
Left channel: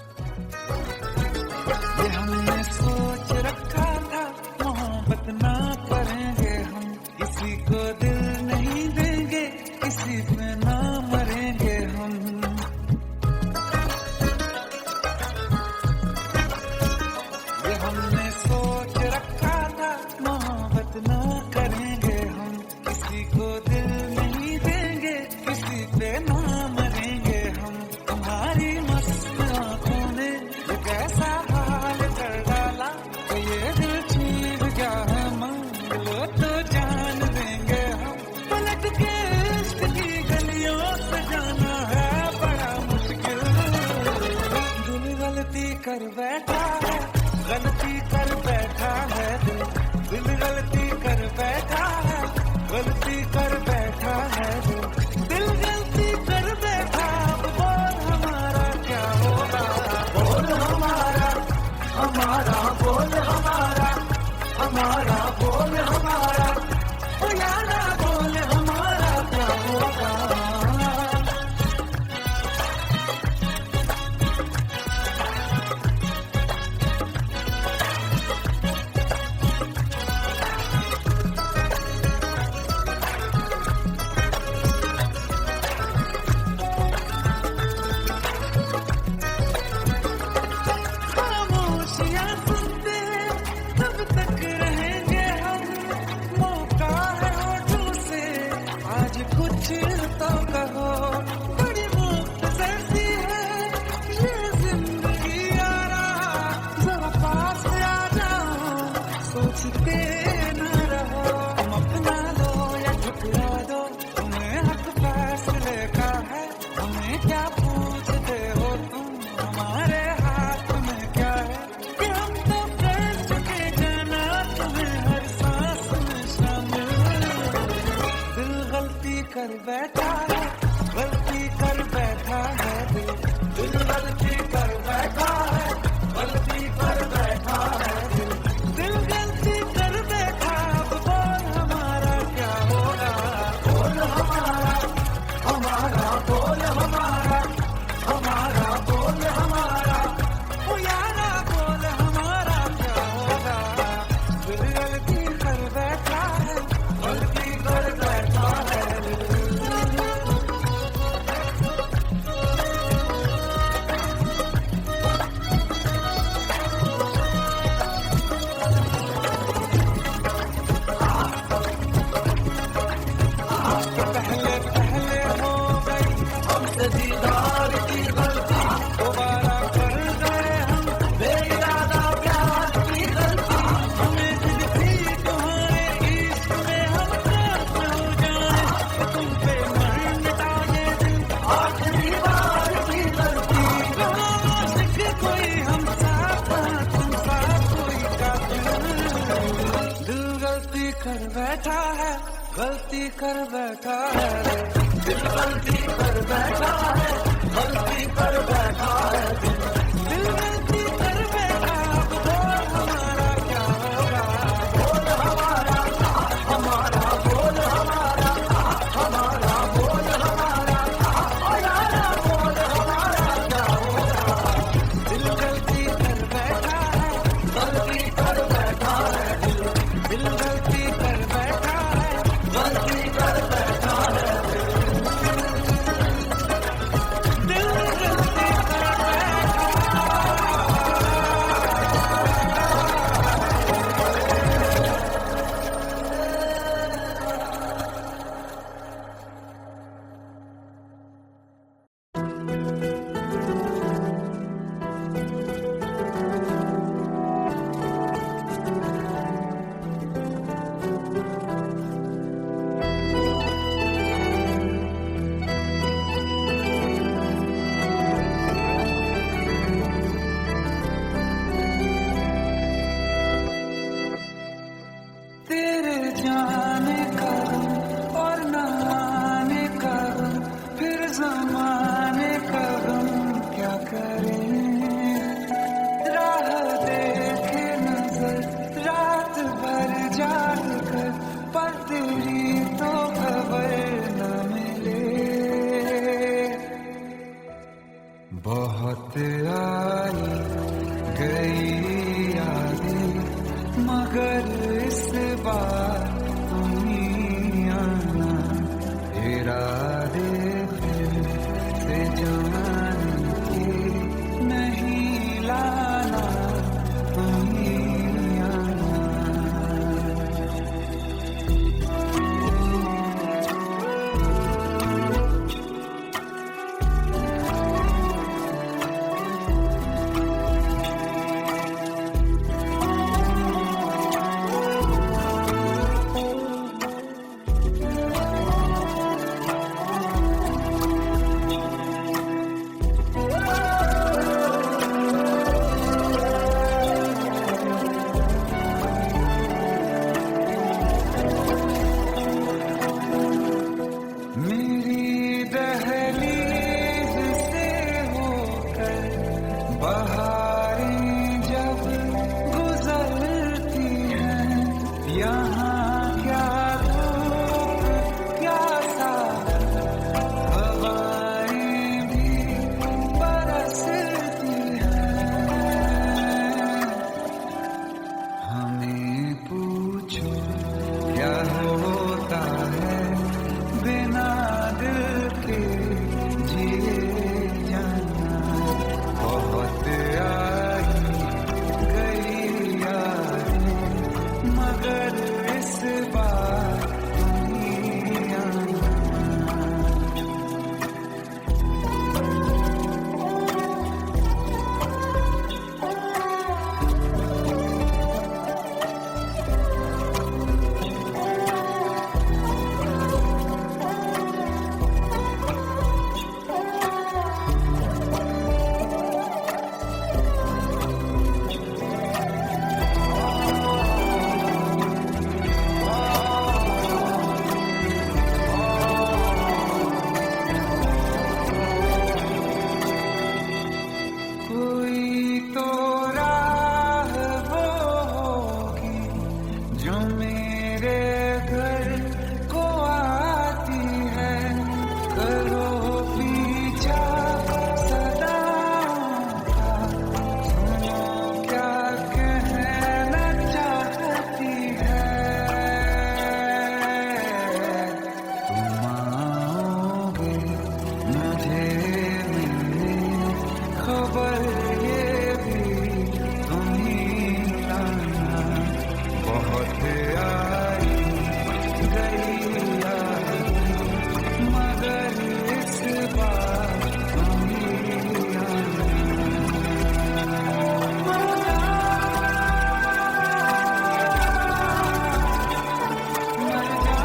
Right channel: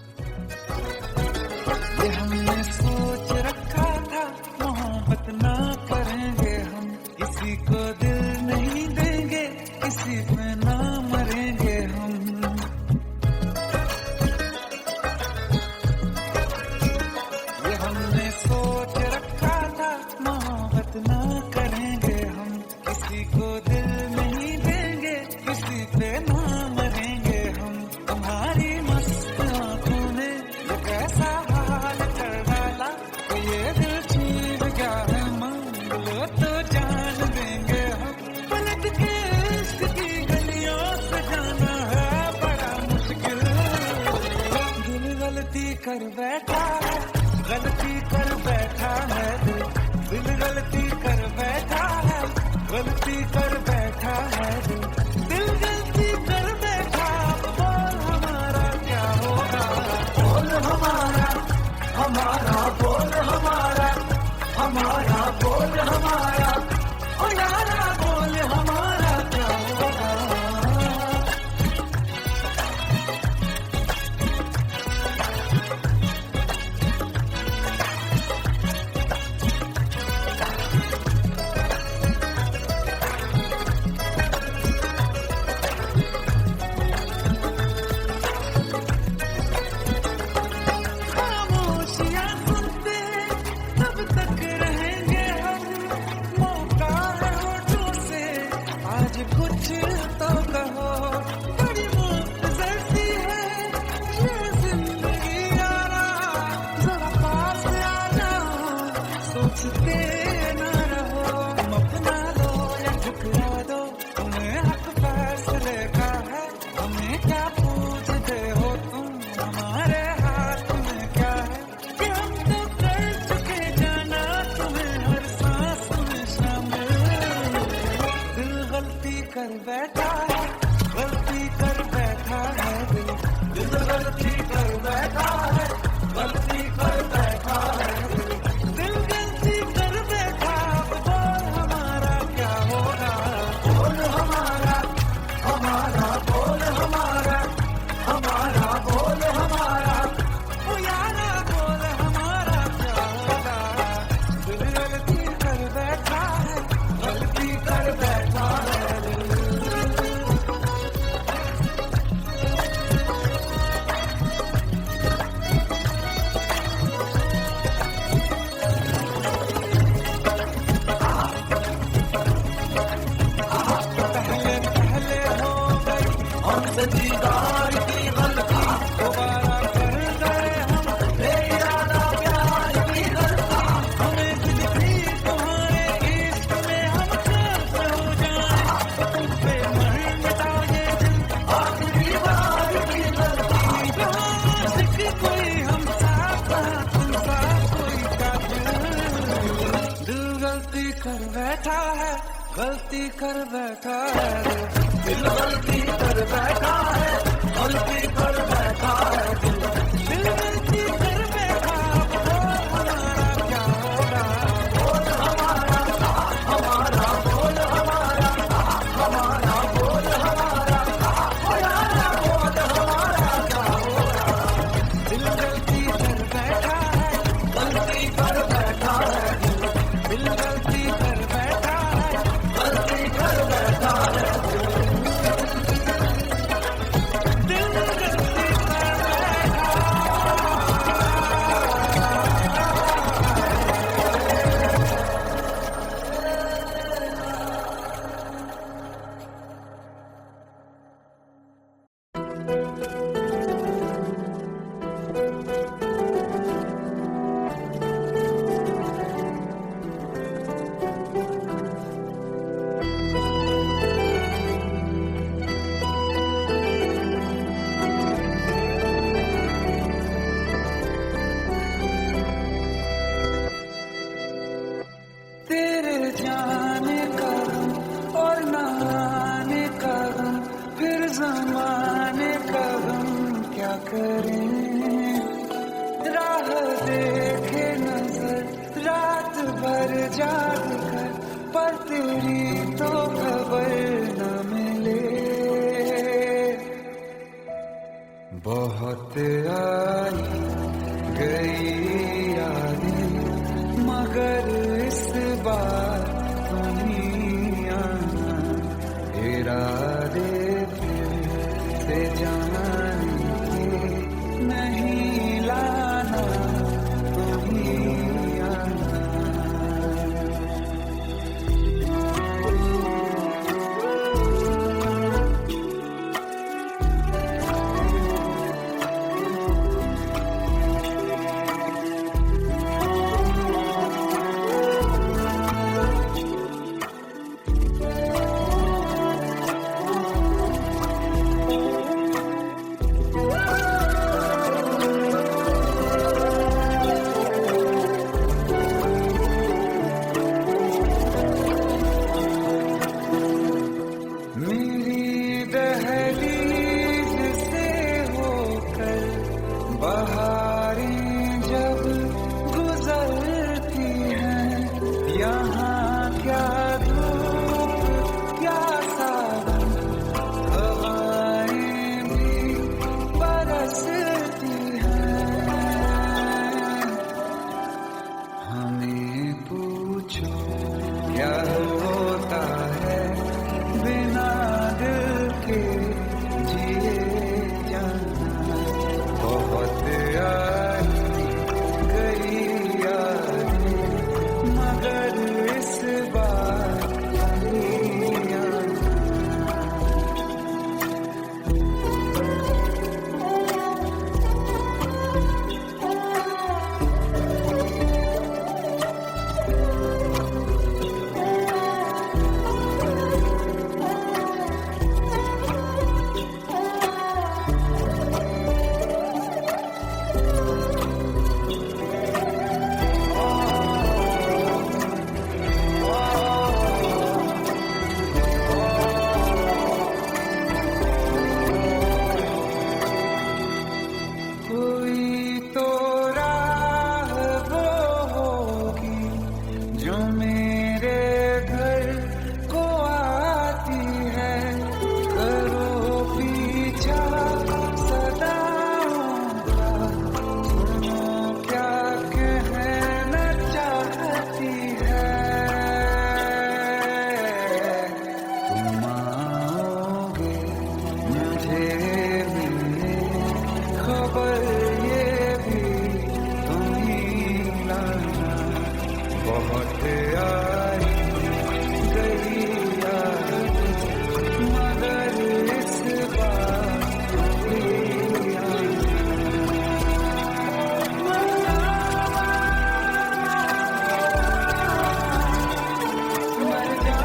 ये हमने सोच रखा था, मोहब्बत ना करेंगे हम, किसी को दिल नहीं देंगे, किसी पे ना मरेंगे हम। ये हमने सोच रखा था, मोहब्बत ना करेंगे हम, किसी को दिल नहीं देंगे, किसी पे ना मरेंगे हम। तुम्हारी मस्त आंखों ने ये कैसा हाल कर डाला कि ये दिल चीज क्या है, मांग लो तो जान देंगे हम। पलट के इश्क की गलियों से जाना है बड़ा मुश्किल। दिल गलती कर बैठा है, गलती कर बैठा है दिल, दिल गलती कर बैठा है, गलती कर बैठा है दिल, दिल गलती कर बैठा। अब बोल हमारा क्या होगा, बोल हमारा, हमारा बोल हमारा, हमारा बोल हमारा, ओ यारा बोल हमारा क्या होगा। कुछ तो कहो, बड़ी मुख्तसर सी है ये जिंदगी यारा, जरा पास आ जाओ, सोचते न रहो। तुम अपना लो या ठुकरा दो, तुम्हें हक फैसले का है, हमें क्या पूछते हो तुम, हमारे हाथ में क्या है कि हम तो कर चुके जाना तुम्हें हर सांस में शामिल। दिल गलती कर बैठा है, गलती कर बैठा है दिल, दिल गलती कर बैठा है, गलती कर बैठा है दिल, दिल गलती कर बैठा। अब बोल हमारा क्या होगा, बोल हमारा, हमारा बोल हमारा, हमारा बोल हमारा, ओ यारा बोल हमारा क्या होगा। दिल गलती कर बैठा है, गलती कर बैठा है दिल। कर बैठा है, गलती कर बैठा है, दिल गलती कर बैठा है, गलती कर बैठा है, दिल गलती कर बैठा। अब बोल हमारा क्या होगा, दिल गलती कर बैठा है, गलती कर बैठा है, दिल गलती कर बैठा है, गलती कर बैठा है, दिल गलती कर बैठा है। तेरे जाने का गम और न आने का गम, फिर जमाने का गम क्या करें। राह देखे नजर रात भर जाग कर, पर तेरी तो खबर न मिले। बहुत आई गई यादें, मगर इस बार तुम ही आना। इरादे फिर से जाने के नहीं लाना, तुम ही आना। मेरी दहलीज से होकर बहारें जब गुजरती हैं, यहाँ क्या धूप क्या सावन, हवाएं भी बरसती हैं। हमें पूछो क्या होता है बिना दिल के जिए जाना। बहुत आई गई यादें, मगर इस बार नहीं आना। कोई तो राह वो होगी जो मेरे घर को आती है। करो पीछा सदाओं का, सुनो क्या कहना चाहती है। तुम आओगे मुझे मिलने, खबर ये भी तुम ही लाना। बहुत आई गई यादें, मगर इस बार तुम ही आना। मर जा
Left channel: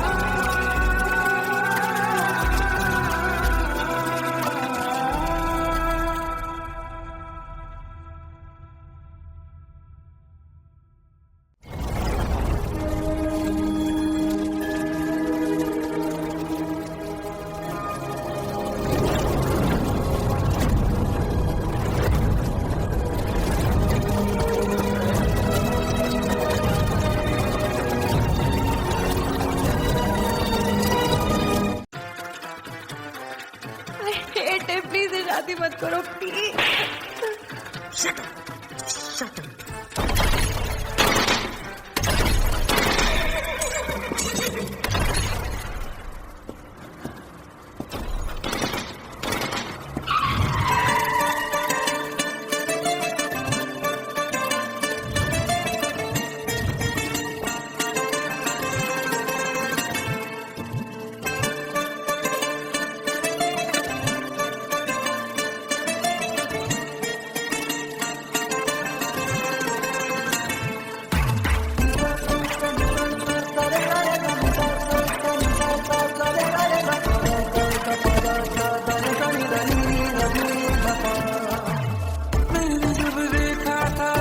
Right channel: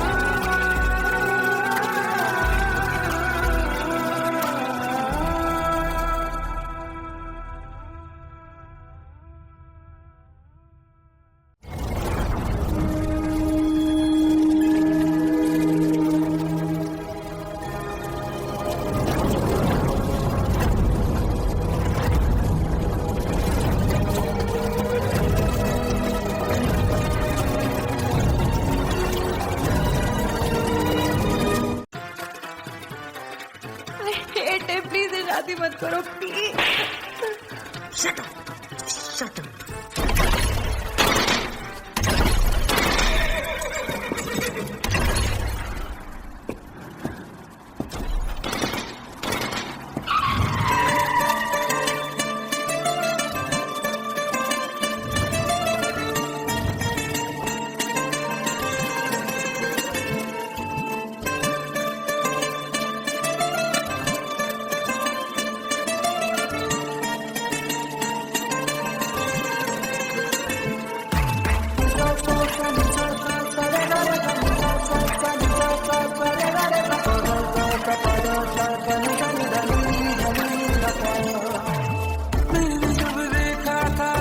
आई हेट इट, प्लीज ये शादी मत करो please. Shut up, shut up.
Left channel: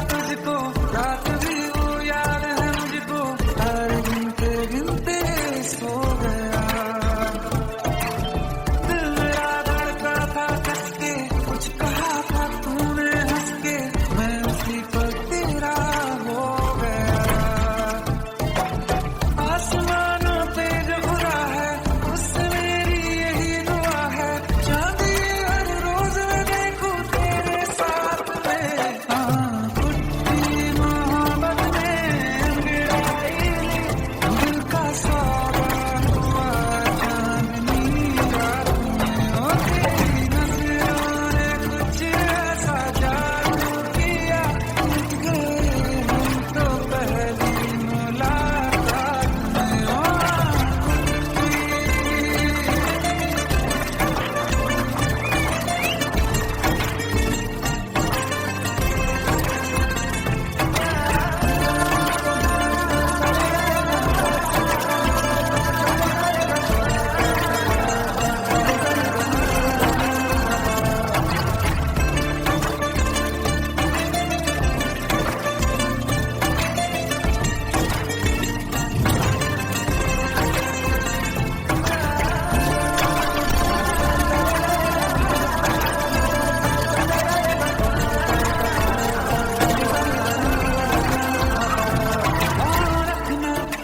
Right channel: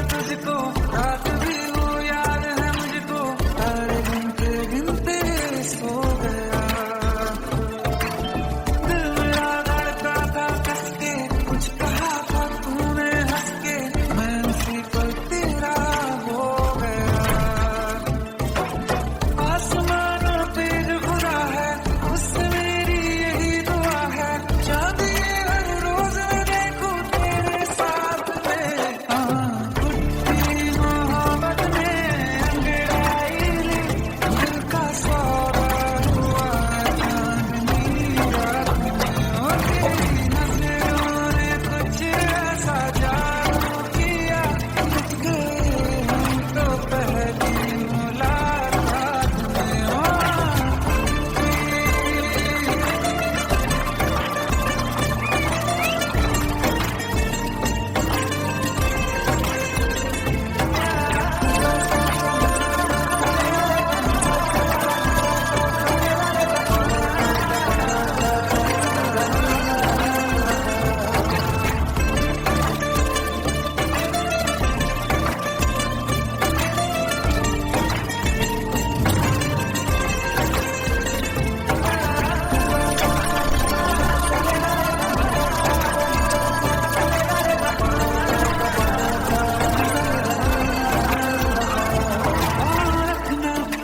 तुझको रात भी वो याद है मुझको, तारे गिनते गिनते सो गया। दिल मेरा धड़का था कस के, कुछ कहा था तूने हंस के, मैं उसी पर तेरा हो गया। आसमानों पे जो खुदा है उससे मेरी यही दुआ है, चांद ये हर रोज मैं देखूं तेरे साथ में। दिल का सौदा हुआ चांदनी रात में, और तेरी नजरों ने कुछ ऐसा जादू किया, लुट गए हम तो पहली मुलाकात में।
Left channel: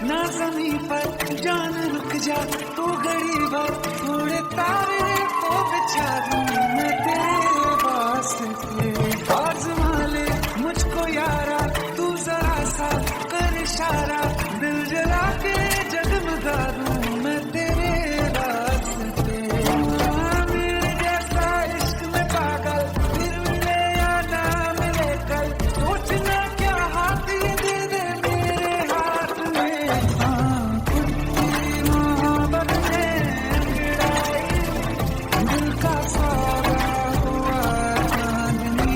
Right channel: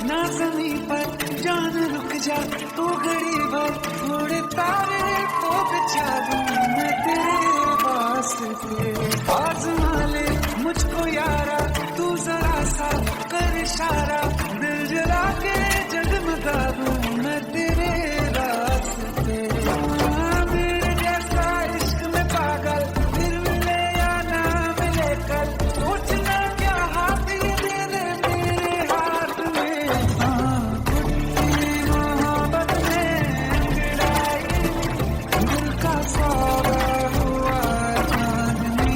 ना ज़मीं पर जान रुक जा तू घड़ी भर, थोड़े तारे तो बिछा दूं मैं तेरे वास्ते। आज़मा ले मुझको यारा तू जरा सा कर इशारा, दिल जला के जगमगा दूं मैं तेरे रास्ते। मेरे जैसा इश्क में पागल फिर मिले या ना मिले कल, सोचना क्या हाथ ये दे दे मेरे हाथ में। कुत्ती मोहब्बत में अंगड़ाई, दिल का सौदा हुआ चांदनी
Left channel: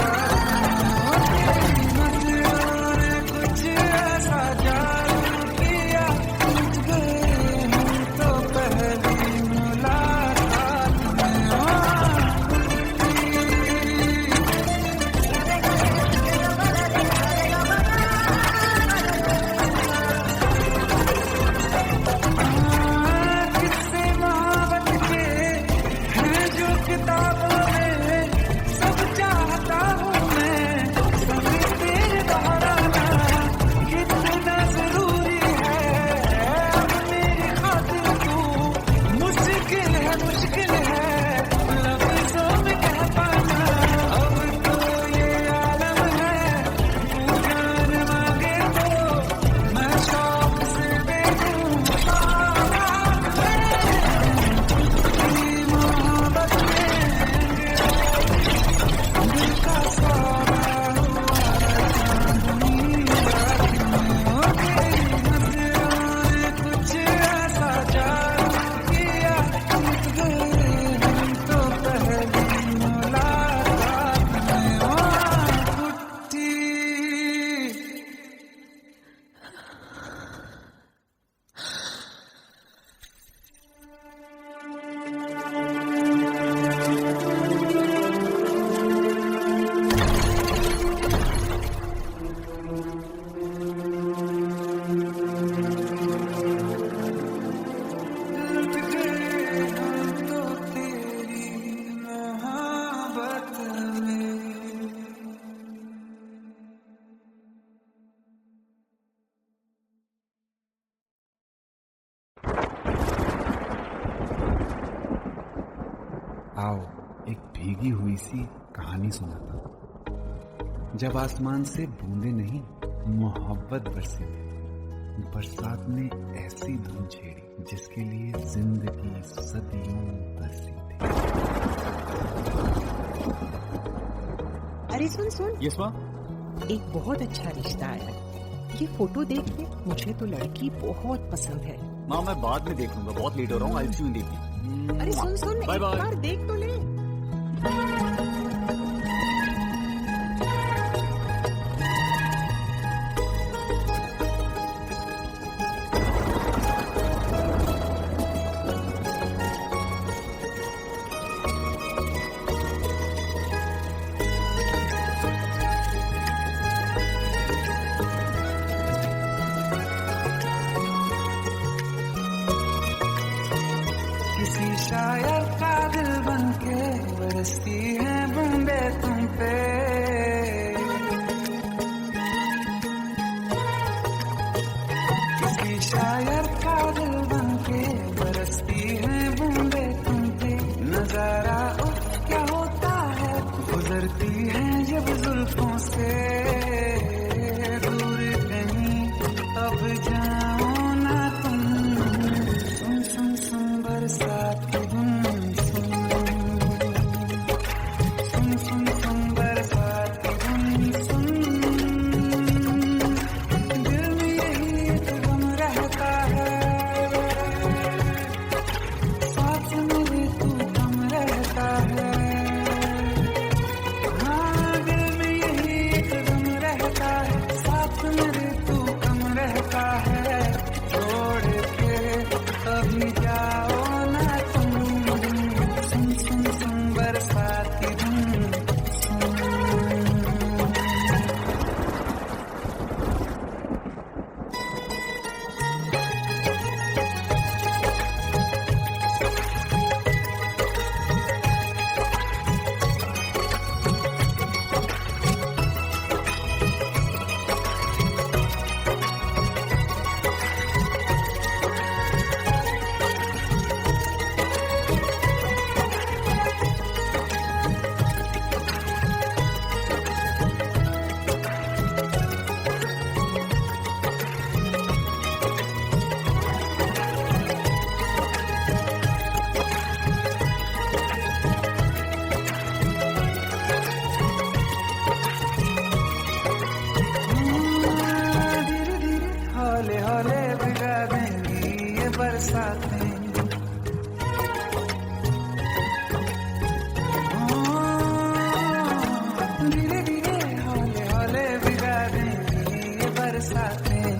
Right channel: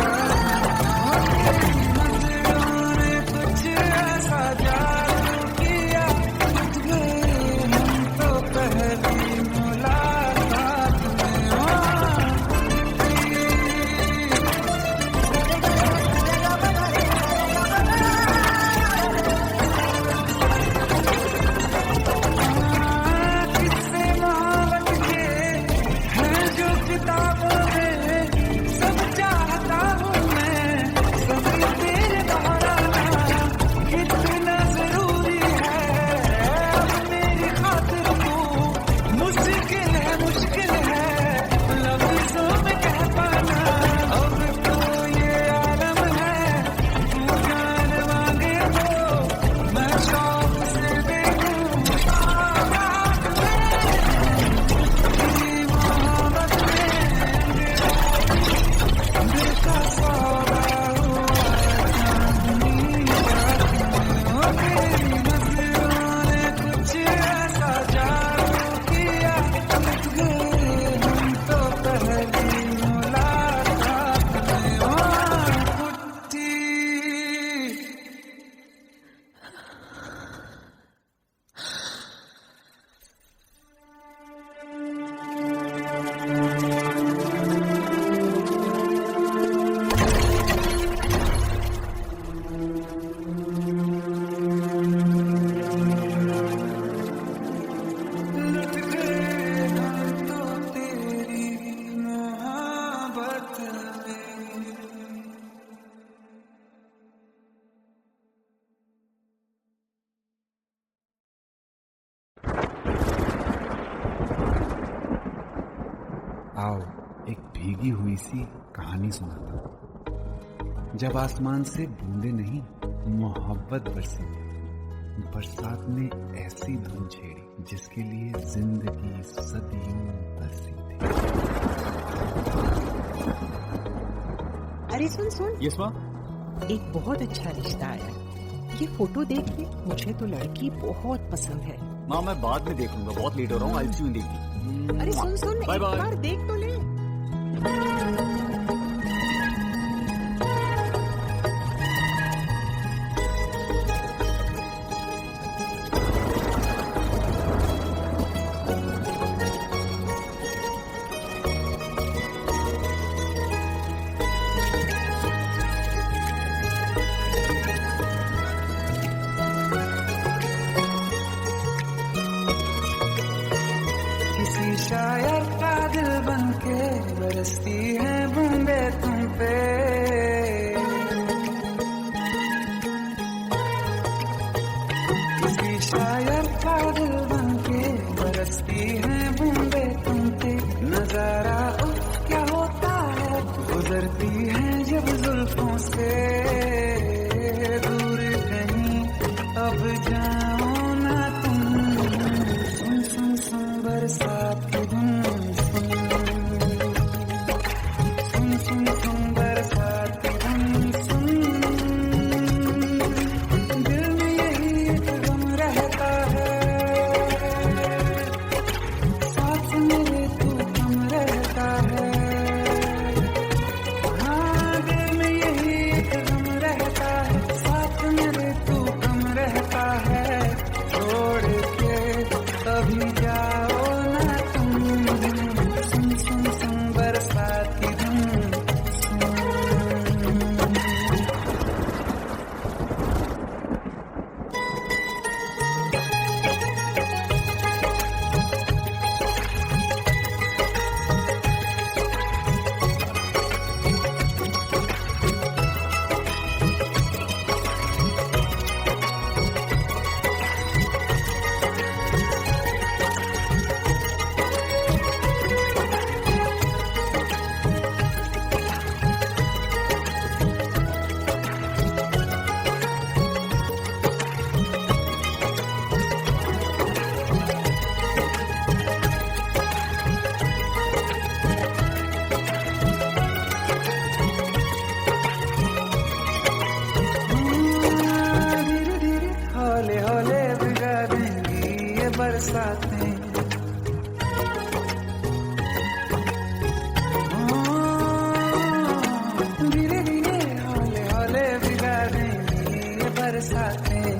रात में, तेरी नजरों ने कुछ ऐसा जादू किया, लुट गए हम तो पहली मुलाकात में। किस्से मोहब्बत के हैं जो किताबों में, सब चाहता हूँ मैं समय तेरे दोहराना, कितना जरूरी है अब मेरी खातिर तू, मुश्किल है लफ्जों में कह पाना। अब तो ये आलम है तू जान मांगे तो मैं शौक से देखूं रात में। कुत्ती मोहब्बत में अंगड़ाई, दिल का आओ एक भीगी हुई सी कहानी सुनाता हूं। जब आसमान से बूंदे नहीं मोहब्बत बरसी थी, बरसात ने ऐसी धुन छेड़ी जिसके लिए जिंदगी सदियों तरसी थी। अरे सुन सुन, यस माँ। एक बहुत अच्छा रिश्ता आया है। ये फोटो देख ले, मुझे तो लड़की बहुत पसंद है। माँ मैं बाद में देख लूंगा, बहुत लेट हो रहा हूँ। आई सी यू इन द इवनिंग। अरे सुन सुन, Bye एक bye. बार देख तो ले। किसी शायर का दिल बनके बरसती है बूंदे तुम पे। किसी शायर का दिल बनके बरसती है बूंदे तुम पे। नजारा उफ क्या होता है, गुजरती है जब जुल्फों से। दूर कहीं अब जाओ ना तुम, सुन सुन सुन बरसात की धुन। सुन सुन सुन सुन बरसात की धुन। सुन दिल में यही एक गम रहता है, साथ मेरे तू कम रहता है। हाँ दिल में यही एक गम रहता है, साथ मेरे तू कम रहता है। छोड़ के अभी जाओ ना तुम, सुन सुन सुन बरसात की धुन। सुन धीरे धीरे हौले हौले भिगा देंगी ये बरसातें। धीरे धीरे हौले हौले भिगा देंगी ये बरसातें।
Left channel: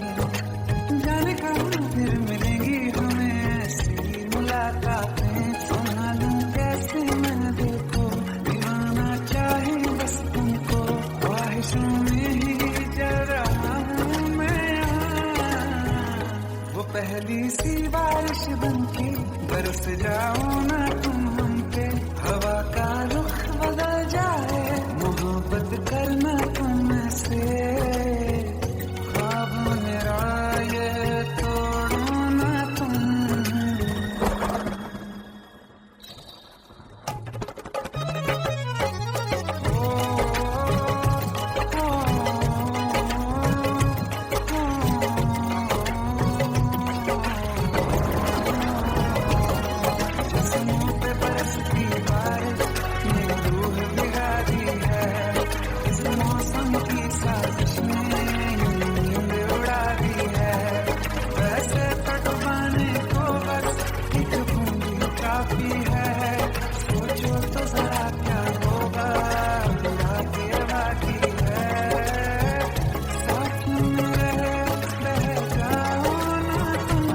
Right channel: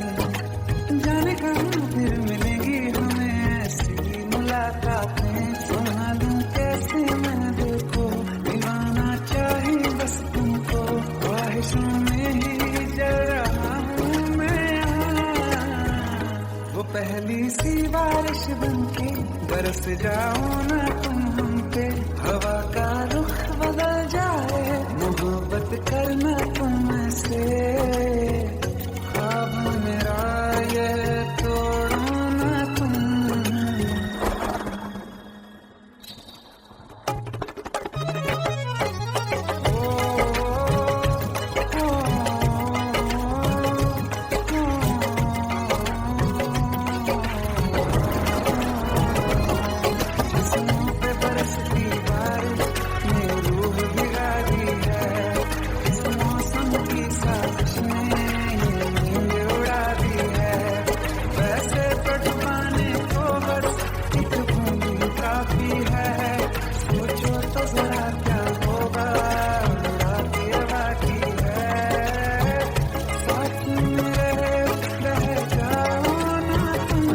जाने कहाँ फिर मिलेंगी हमें ऐसी मुलाकातें। संभालूं कैसे मैं दिल को, दीवाना चाहे बस तुमको। ख्वाहिशों में ही जल रहा हूँ मैं यहाँ, वो पहली सी बारिश बनके बरस जाओ ना तुम हम पे। हवा का रुख बदल जाए, मोहब्बत करना तुम से। ख्वाब मेरा ये तोड़ो ना तुम। जिस्मों पे बरसती बारिश ने रूह भिगा दी है। इस मौसम की साजिश ने ये नींद उड़ा दी है। वैसे तो डुबाने को बस एक बूंदी काफी है। सोचो तो जरा क्या होगा, बुरा के बाकी है। साथ मेरे रह जाओ ना तुम।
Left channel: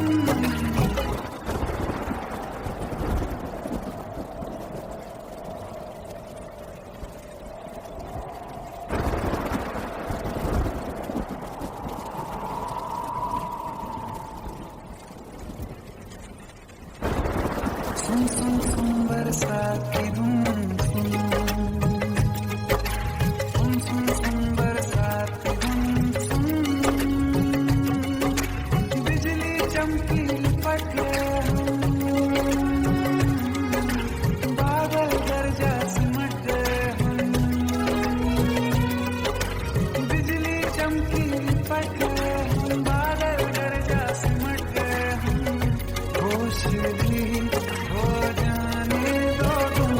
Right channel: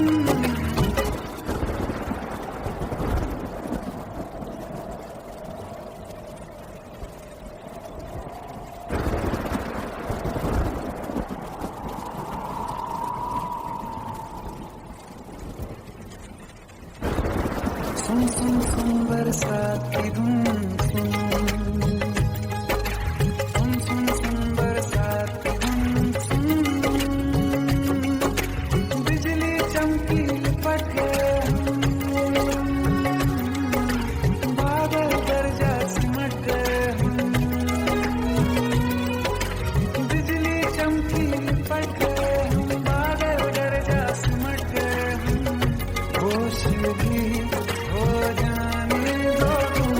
सुन सुन सुन बरसात की धुन। सुन सुन सुन सुन बरसात की धुन। सुन बिजली चमकी लिपट गए हम, बादल लिपट गए हम, बादल गरजा सिमट गए हम, होश भी हो जाने दो तुम।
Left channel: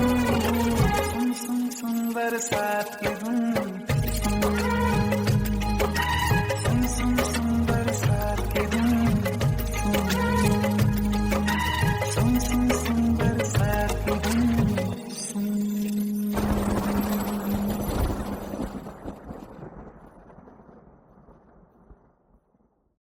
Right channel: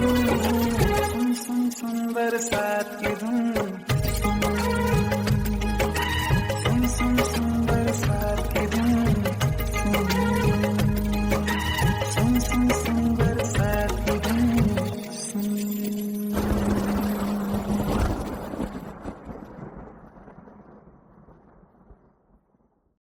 सुन सुन सुन बरसात की धुन, सुन सुन सुन बरसात